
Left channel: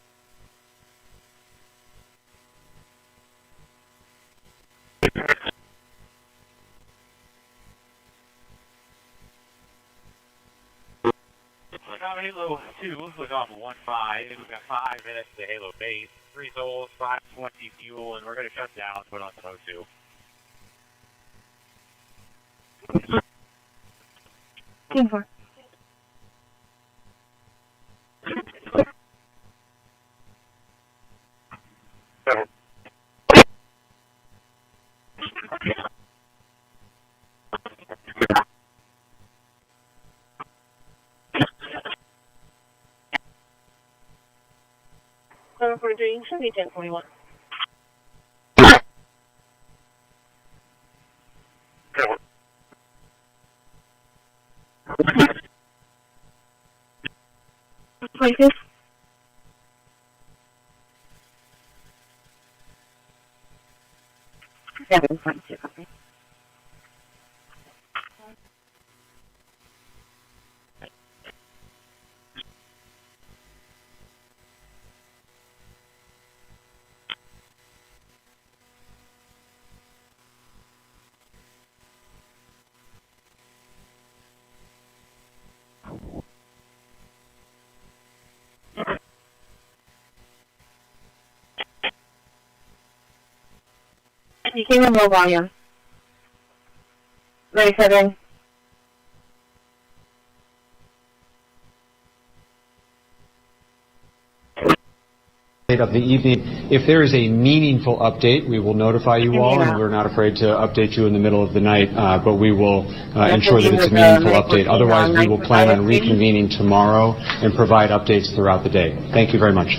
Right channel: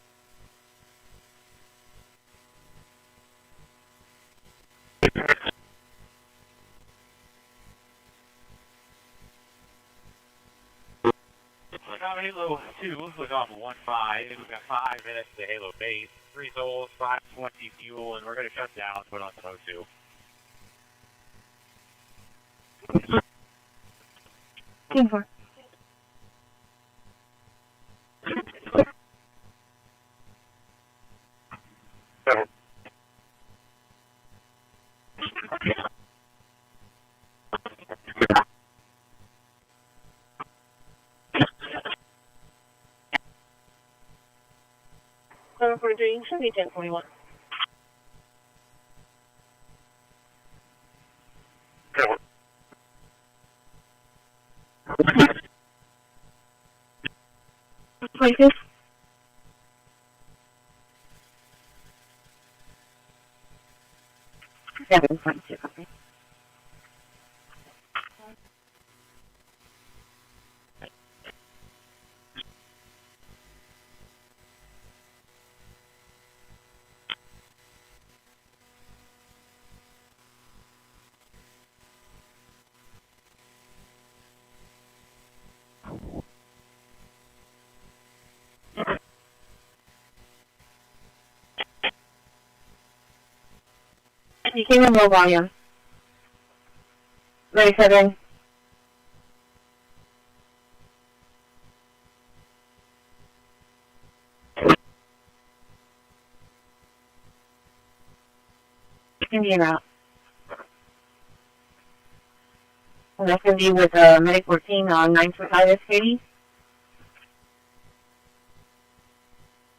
Halo 2 was off of 1-5. We've got 5 minutes to Halo base. 3 souls, 520 fuel, and we're going to shut down and put on some O2. Team 4. Number 43, should be 1041. Places. Seven point two. You came in low volume. 97. Of the evening. If there is a meaningful update, we will notify you all, and we're not afraid to update you in the middle of the night, but we will ensure that it's a meaningful update. Otherwise, we will plan on reconvening tomorrow and provide updates throughout the day. Thank you very much.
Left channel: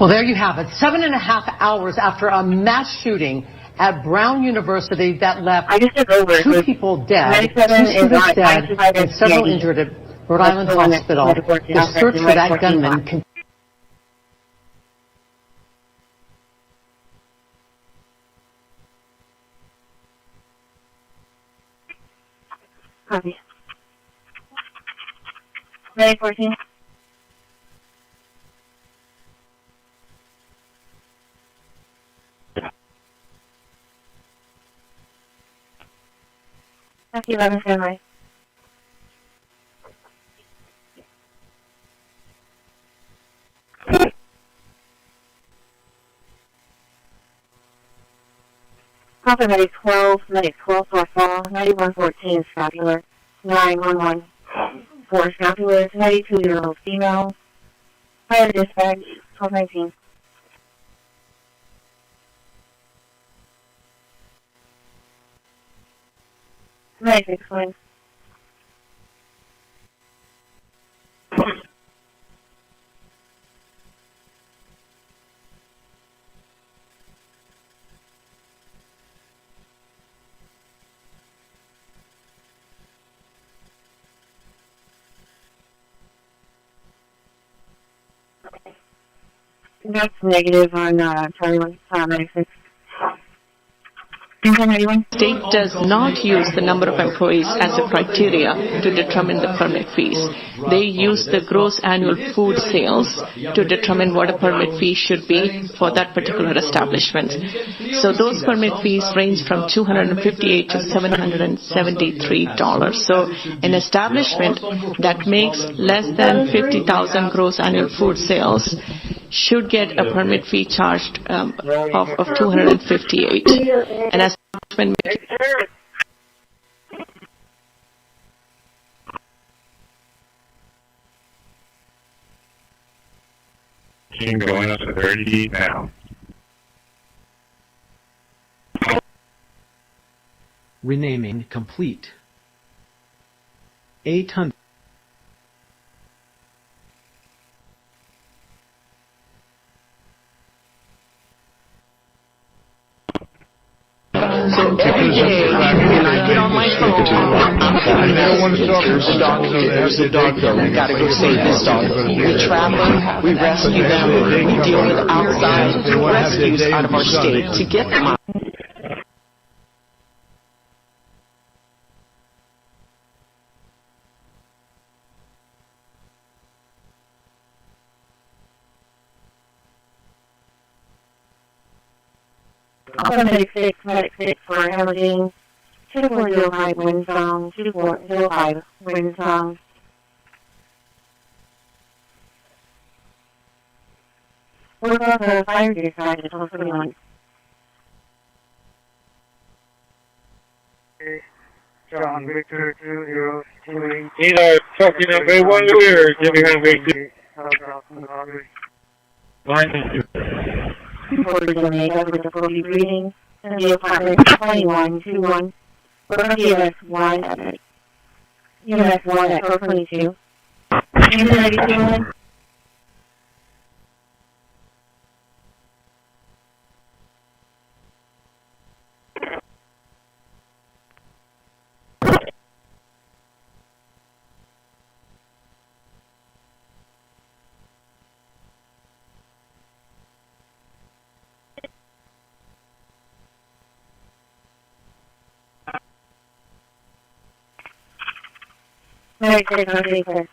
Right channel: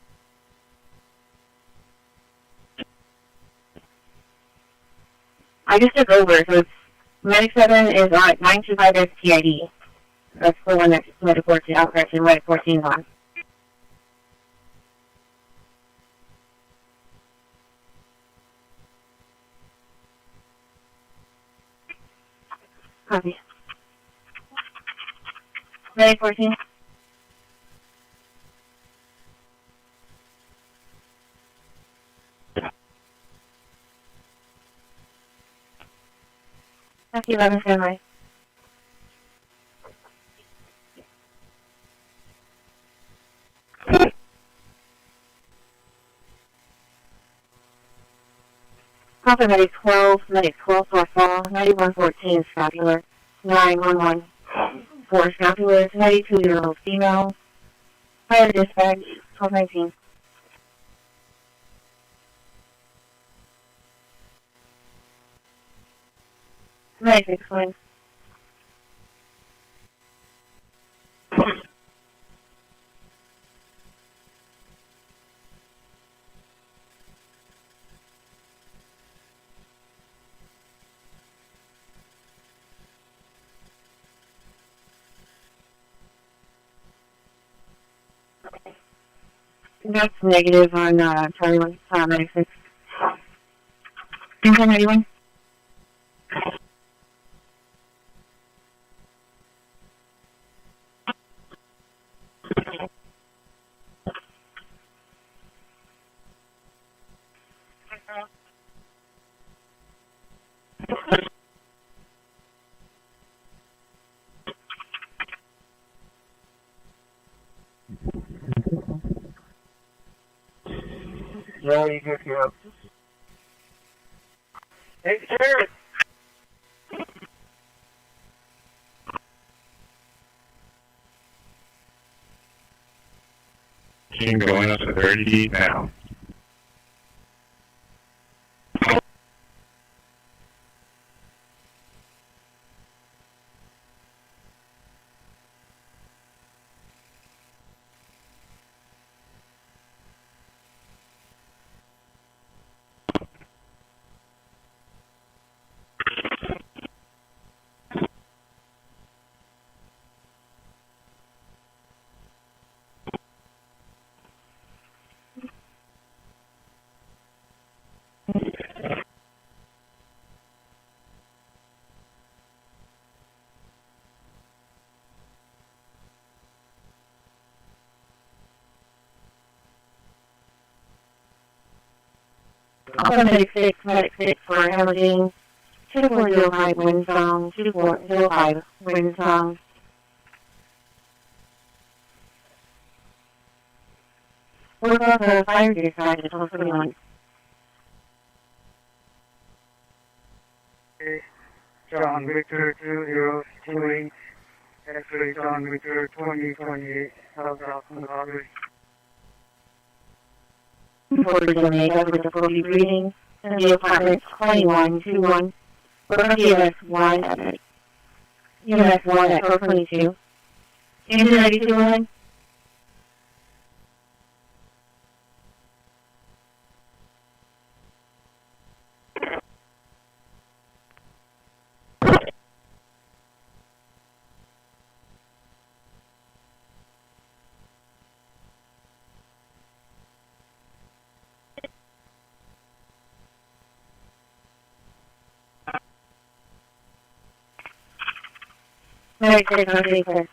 Well, there you have it. 7.5 hours after a mass shooting at Brown University that left 2 people dead, 97 is on 925 and several injured at Rhode Island Hospital. The search for that gunman continues. Copy. Ready, 14. That's 11, stand by. Copy, medic 12 for fall, 9114 scapular, 911 for scapular, 92-year-old female, fire dispatch, 1219. Nice, explain. That's negative on Charlie 196. State does not use the number of employees as a criteria to determine the permit fees. They use the gross annual food sales to determine what a permit fee should be for that particular establishment. So those permit fees range from $258 to $773. So an establishment that makes less than 50,000 gross annual food sales should get a permit fee charged of $258. And as Team going up to 30 feet now. Renaming complete. 800. So every day, when I get on my phone, there's a dog here, there's a dog there, we gotta go save this dog. We trap them, we rescue them, we deal with outside rescues out of our state to get them out. Also, medic 6 for hemorrhaging, 2405 wind song, 2405 wind song. What about the fire dispatch at 1231? John Victor 2028. Either talking of a one or giving a way. Reporters in Omega with the 40 breathing, and the apartment 2121. We're going to UMS1 at 1222. Engine 92. Very good, very good.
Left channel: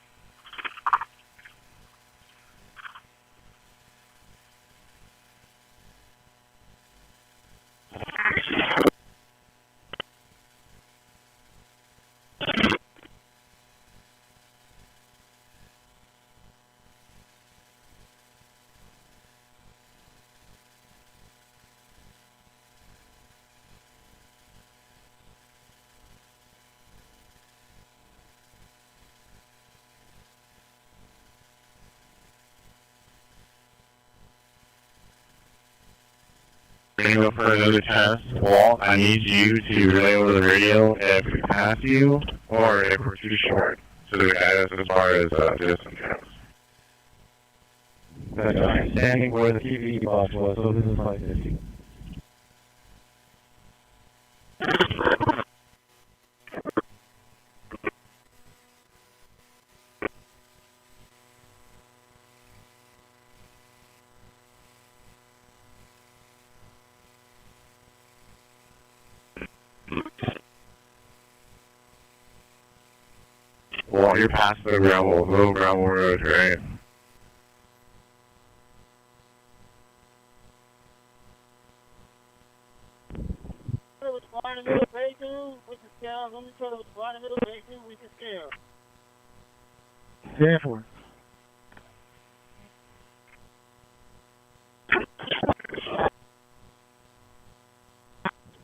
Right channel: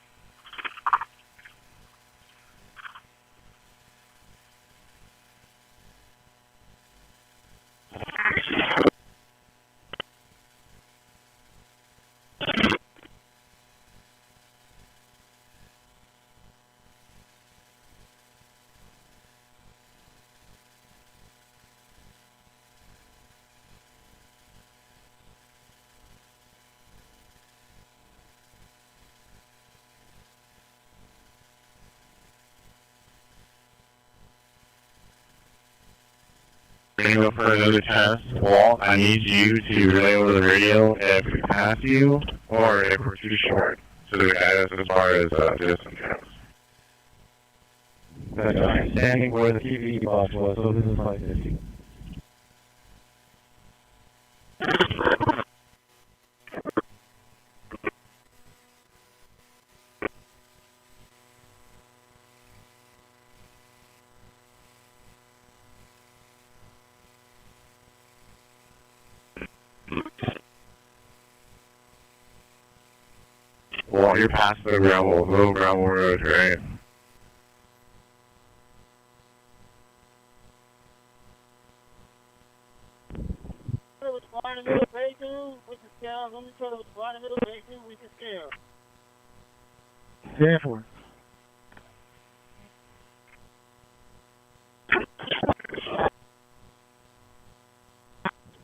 Go for another test. Walt, I need you to relay over the radio if we pass you or if we're too short to guide us as far as distance goes. I'm standing where the TV box was, so this is 550. Well, you're past the low gravel road, right? Yeah, for.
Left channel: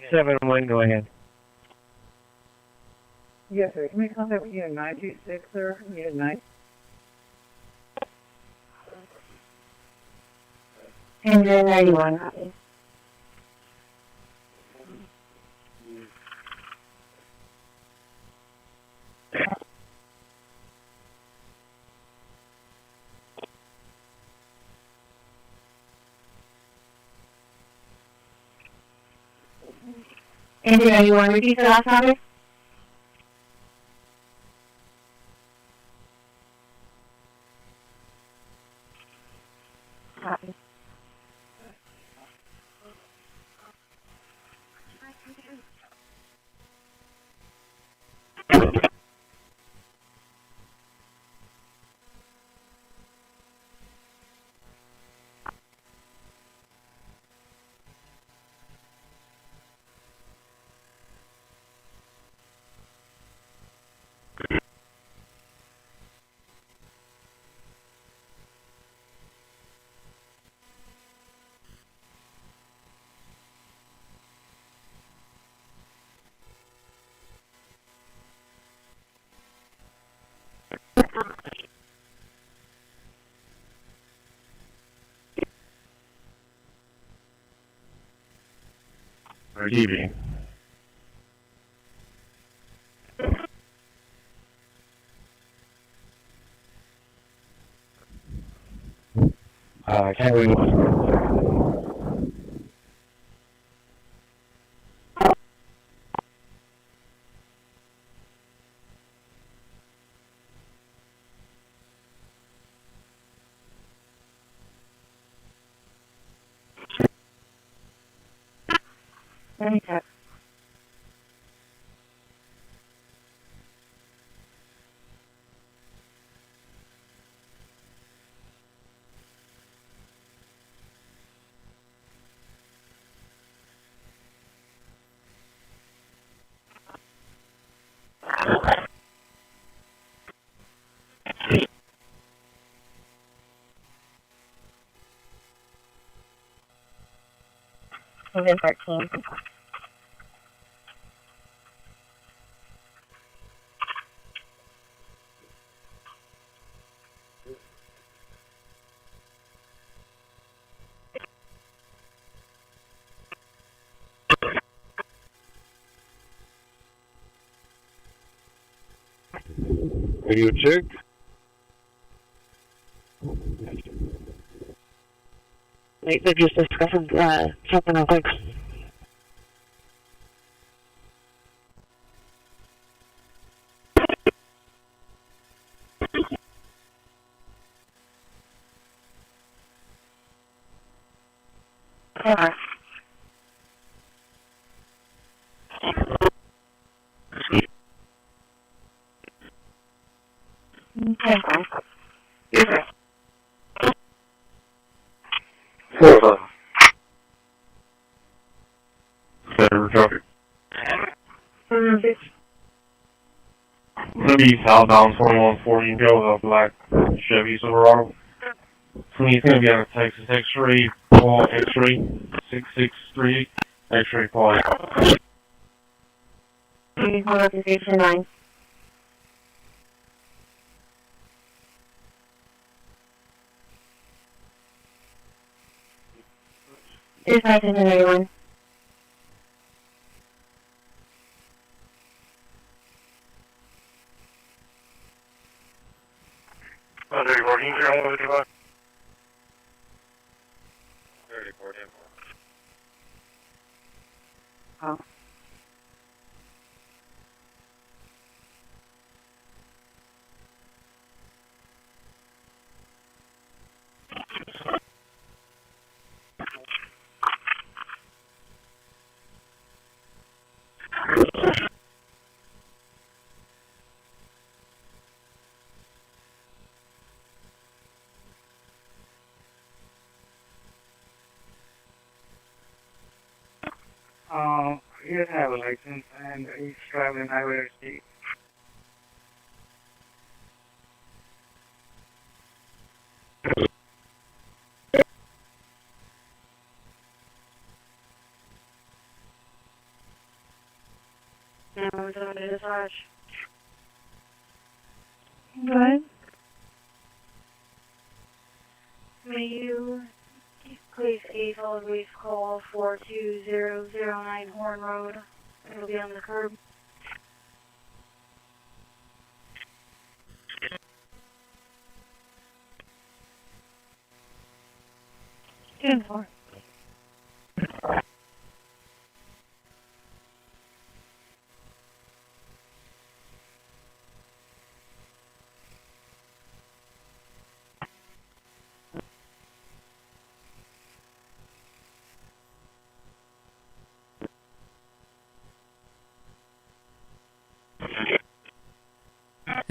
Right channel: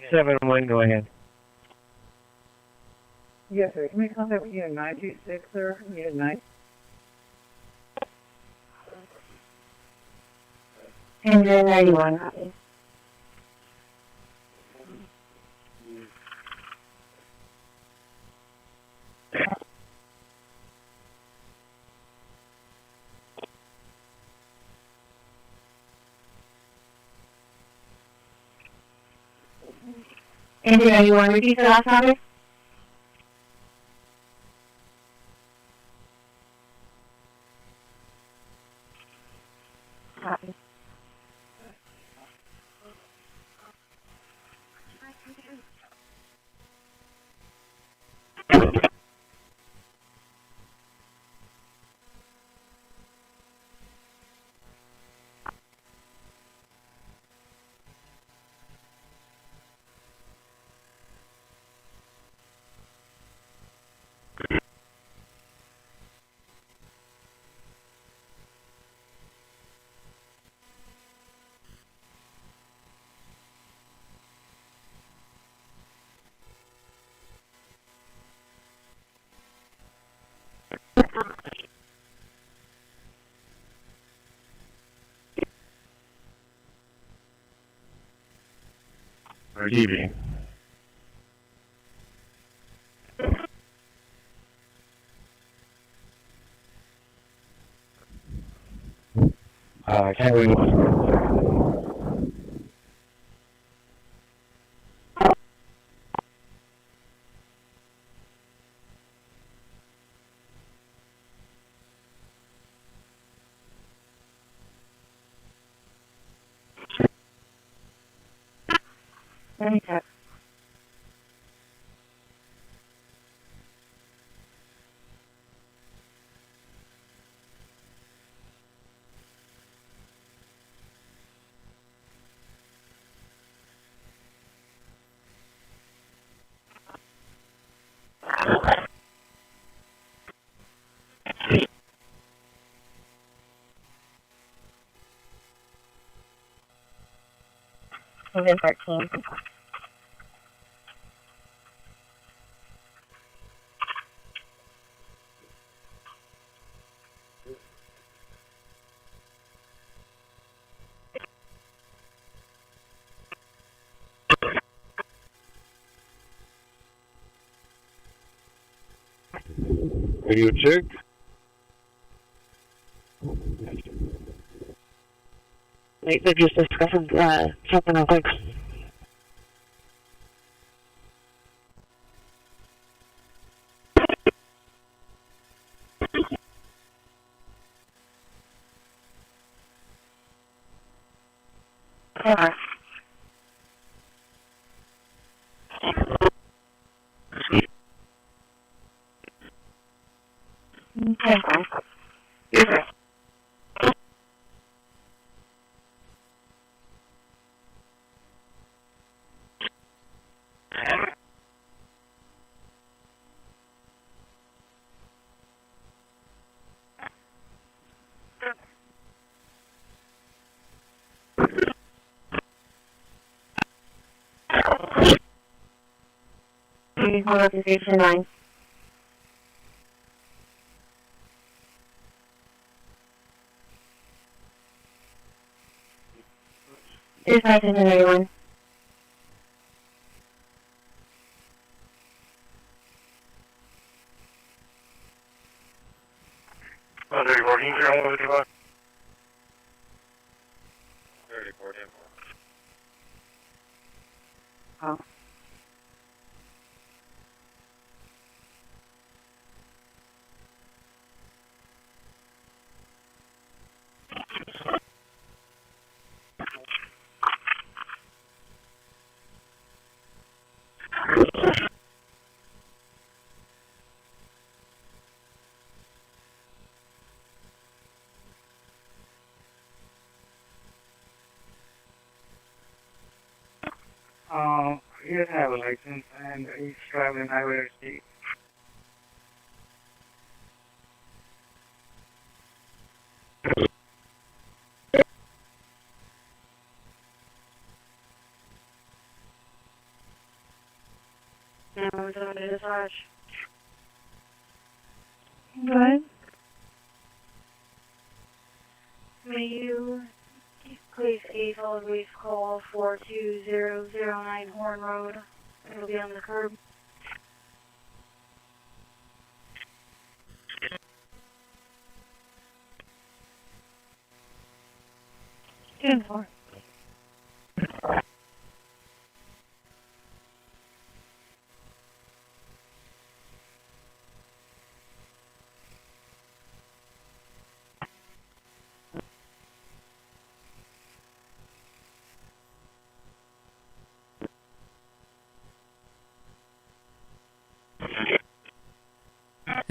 Seven one, go ahead. Yes, sir. Can we contact with Unit 926, sir? Unit 9. Engine 91, copy. Engine 81, repeat the last number. Copy. Receiving. Can we Okay. Moving 13. radio check? Wait, they're just discussing something real quick. Okay. Okay. Center traffic. Gonna be southbound 2140 and go with a black Chevy Silverado. He's gonna be on a Texas X-ray, Paul X-ray, 663, X-ray Paul. Hold up to station 9. Dispatch into 91. Under working here all the way to the 34 10. Oh. He doesn't have a license and he's traveling highway state. No, we're going to dispatch. Good. May you please give all the call 42009 Horn Road. It'll be on the curb. Stand for.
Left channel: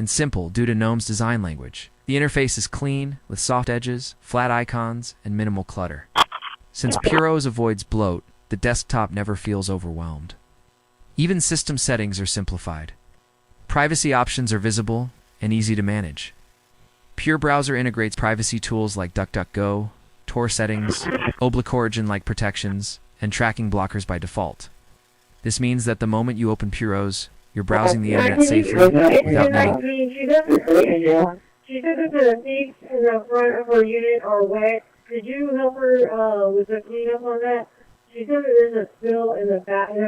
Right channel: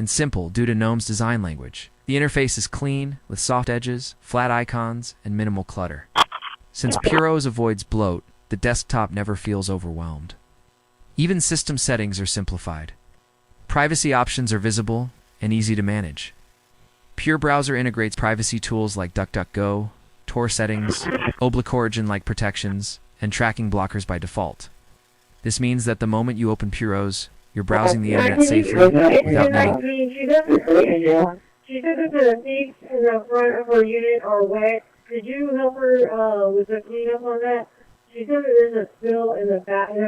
and simple due to GNOME's design language. The interface is clean, with soft edges, flat icons, and minimal clutter. Since Puros avoids bloat, the desktop never feels overwhelmed. Even system settings are simplified. Privacy options are visible and easy to manage. Pure Browser integrates privacy tools like DuckDuckGo, Tor settings, Oblique Origin-like protections, and tracking blockers by default. This means that the moment you open Puros, you're browsing the internet safely without knowing. She doesn't say it. She said that the seats in the front of her unit are wet. Did you help her with the cleanup on that? She said that there's a spill in the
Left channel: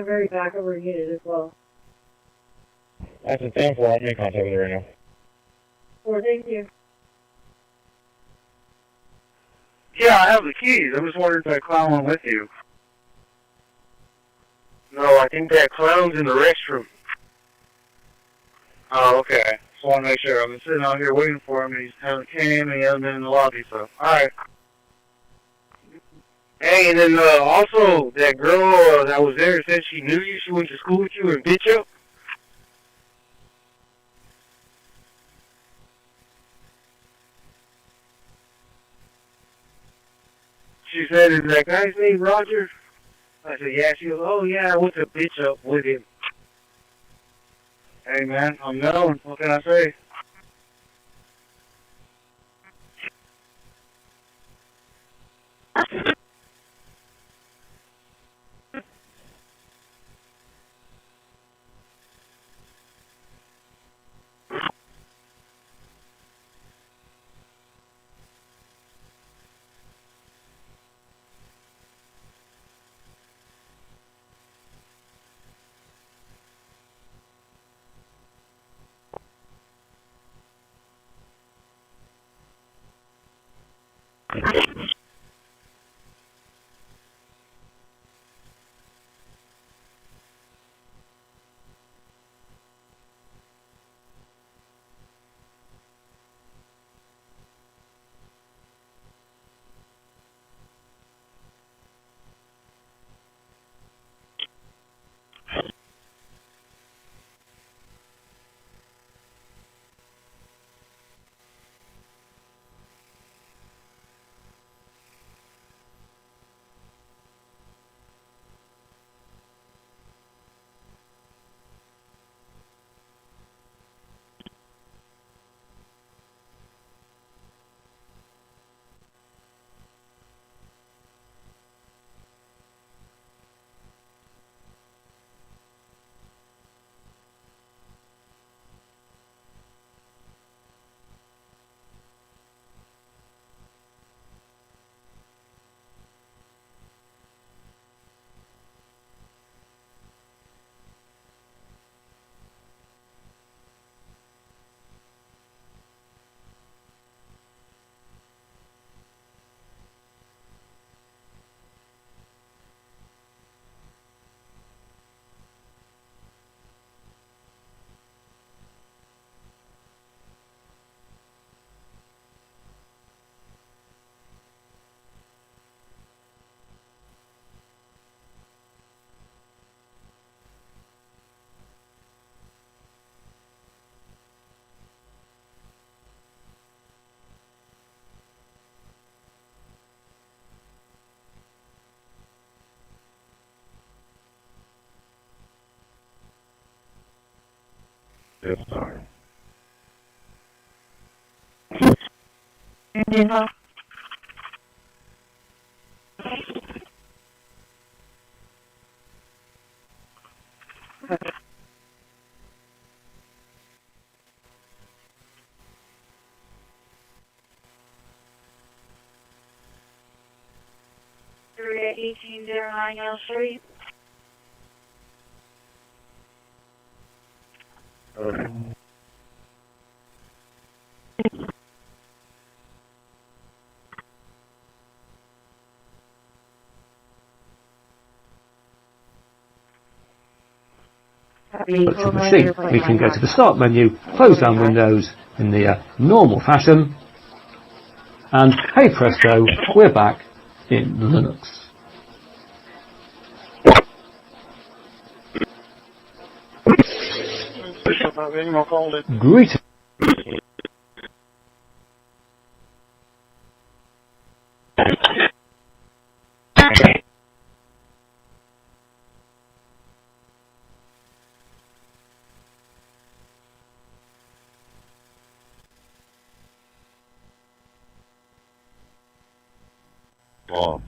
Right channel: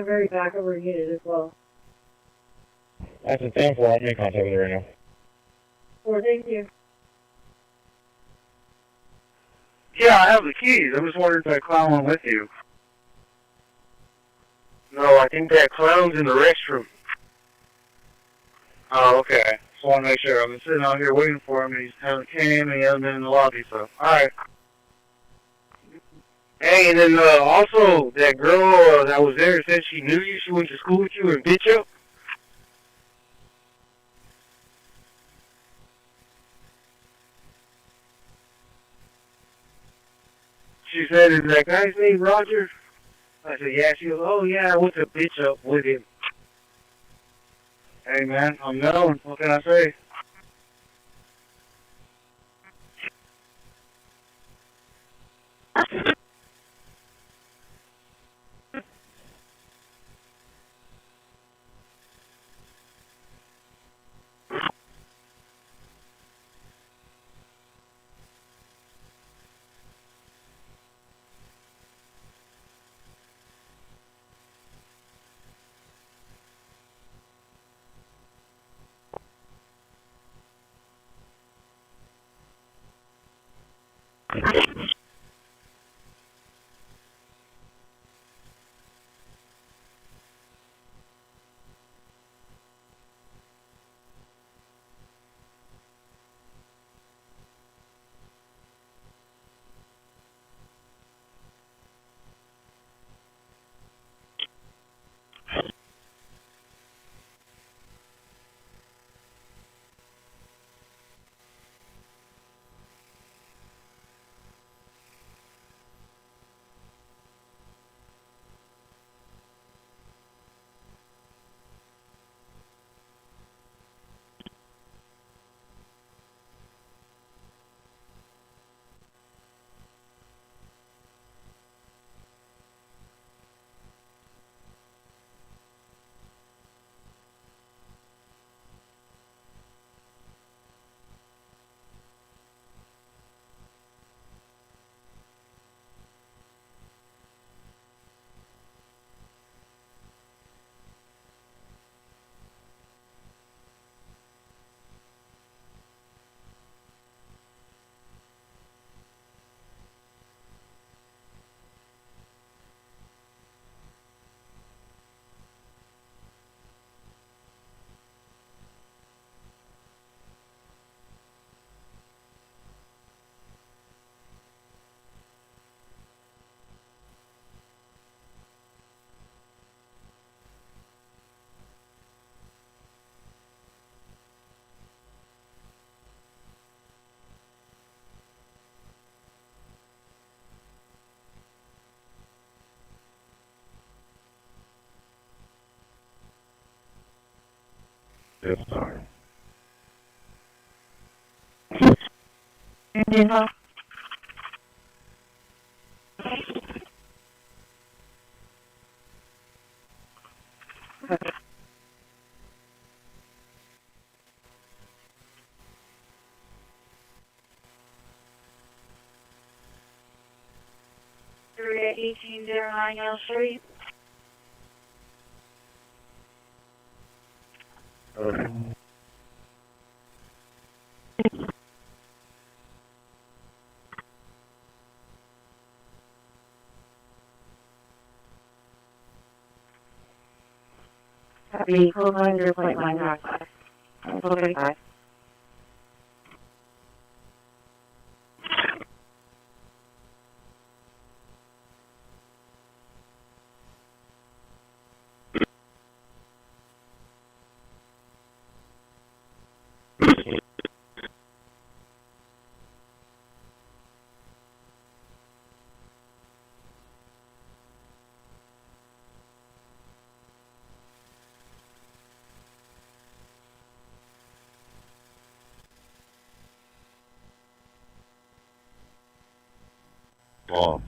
very back of her unit as well. That's a 10-4. I'm in contact with her right now. Well, thank you. Yeah, I have the keys. I was wondering if that clown went with you. No, I think that clown's in the restroom. Oh, okay. Just want to make sure. I've been sitting out here waiting for him, and he hasn't came, and he hasn't been in the lobby, so. Alright. Hey, and then also, that girl that was there said she knew you, she went to school with you and bit you. She said, is that guy's name Roger? I said, yeah. She goes, oh yeah, I went to bitch up with him. Hey man, I'm known. What can I say? Yes, sorry. Yeah. Three 1809 L Street. Okay. To proceed, we can go to the Start menu, close down Windows in the normal fashion, and hey presto, we're back in Linux. Greetings. Oh.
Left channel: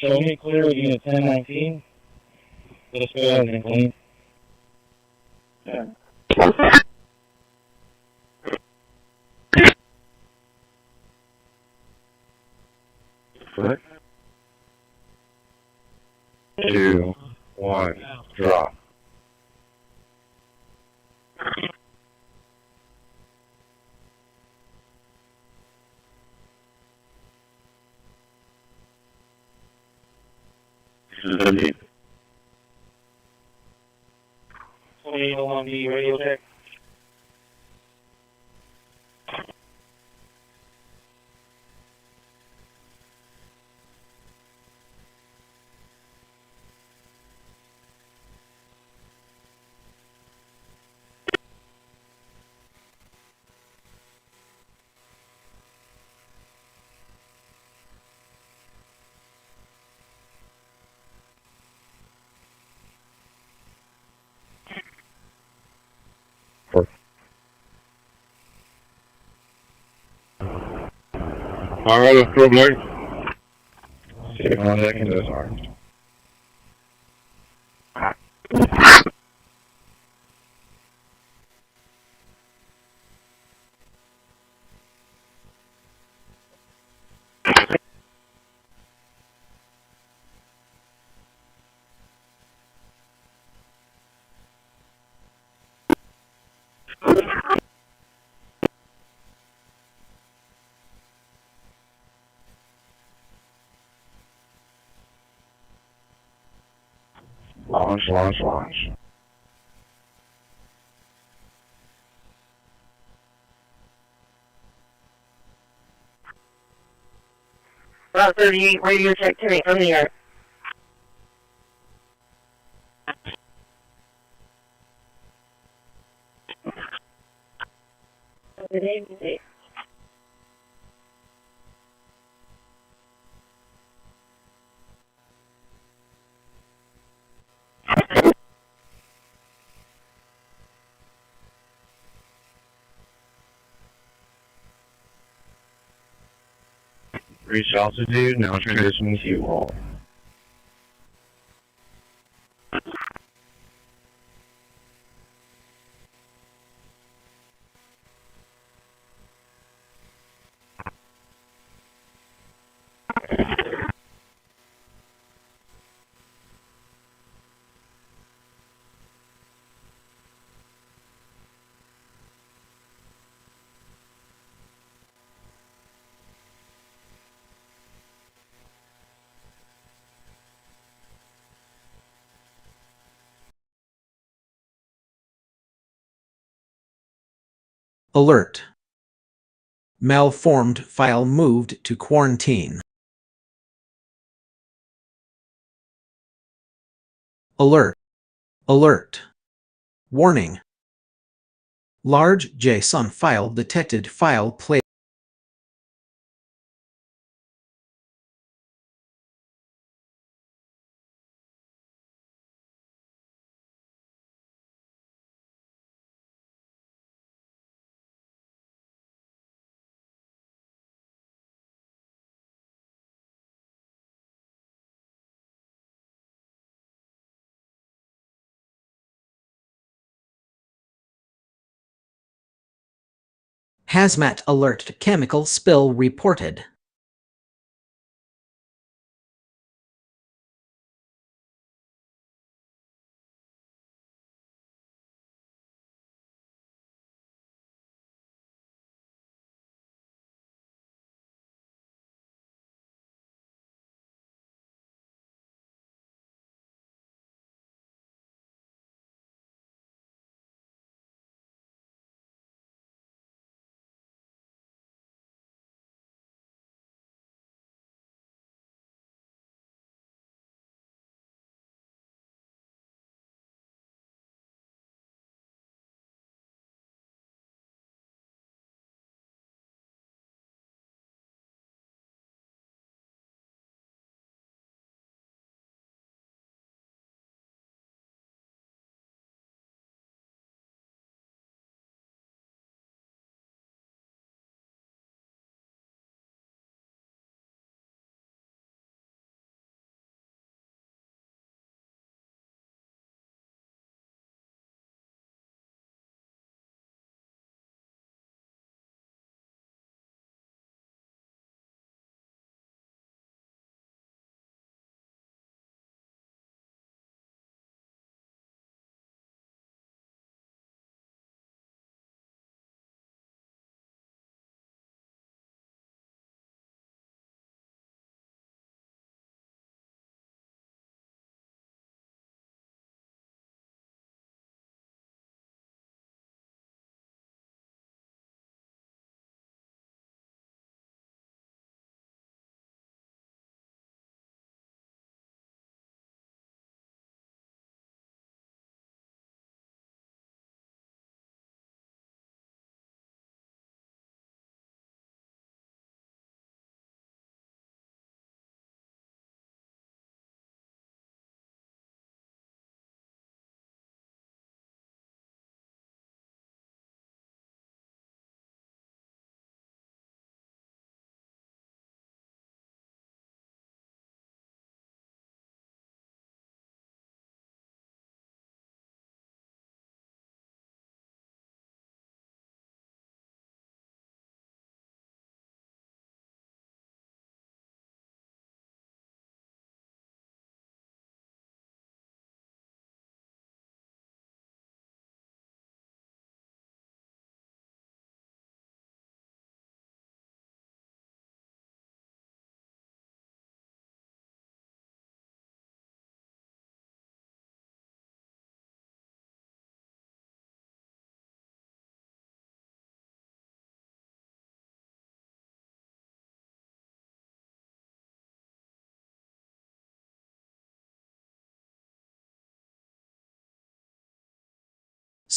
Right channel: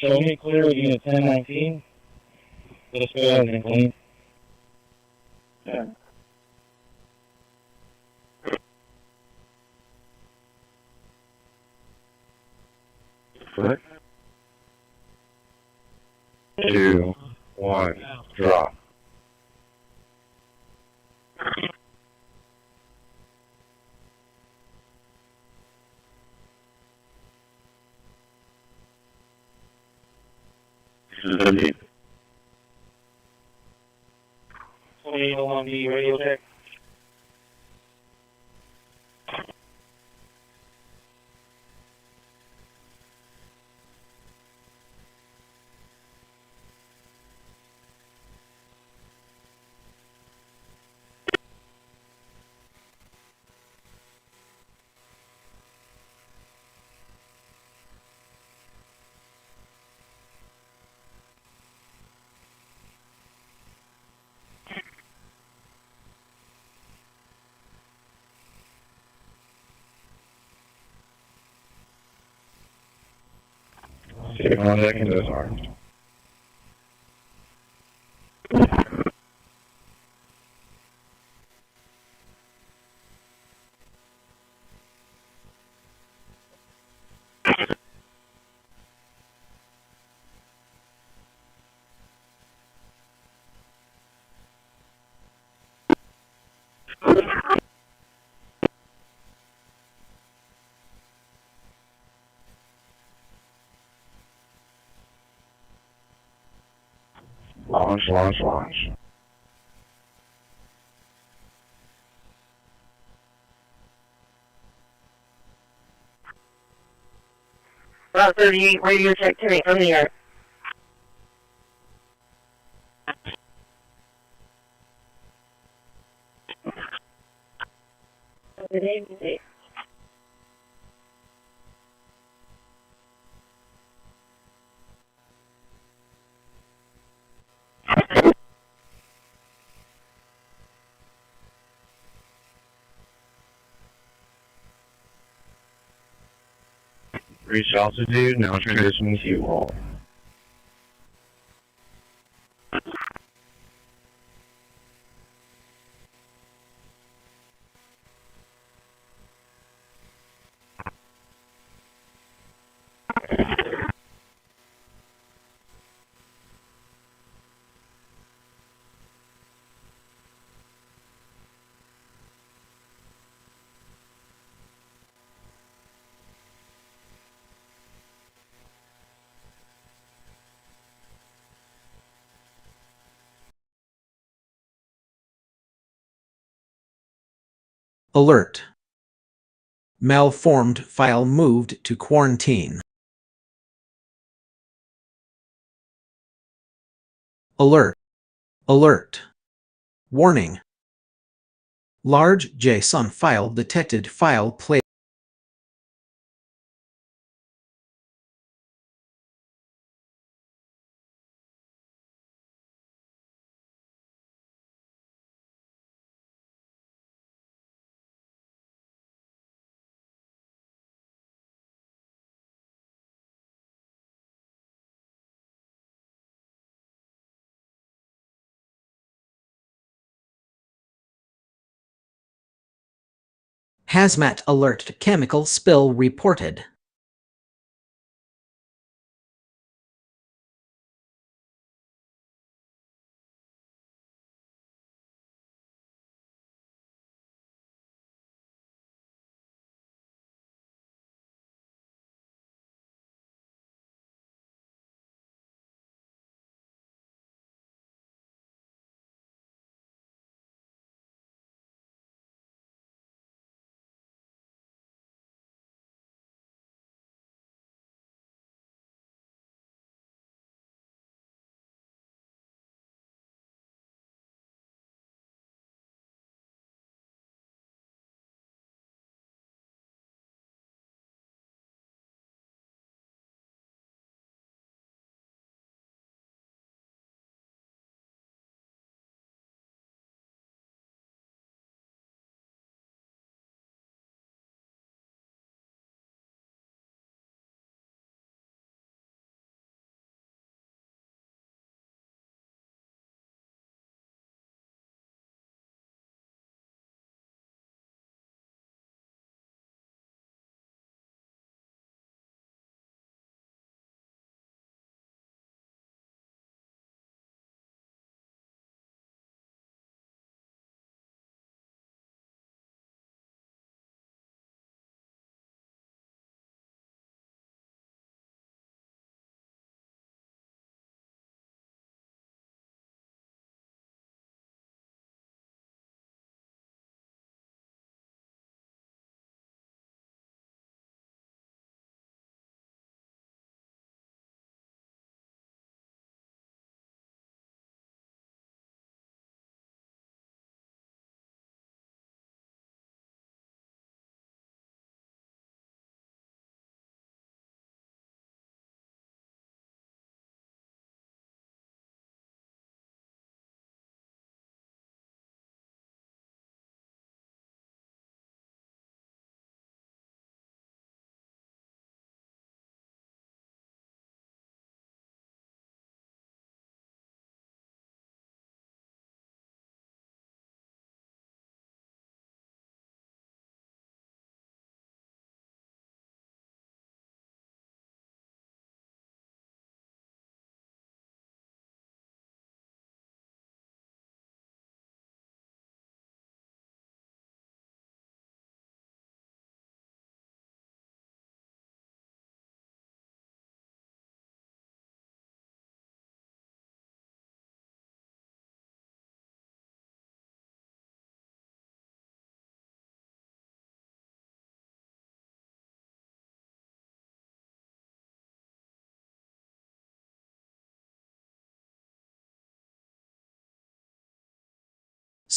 Show me clear unit 1019. Let's go ahead and clean. Yeah. What? 2, 1, drop. This is 2801D radio check. Alright, let's go, Blake. See contact in those arms. Launch, launch, launch. Route 38, radio check to me from the air. Good evening. Reach altitude, now transitioning to wall. Alert. Malformed file moved to quarantine. Alert. Alert. Warning. Large JSON file detected. File play. Hazmat alert. Chemical spill reported.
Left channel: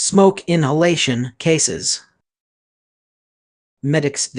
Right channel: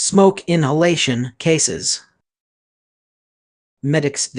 Smoke inhalation cases. Medics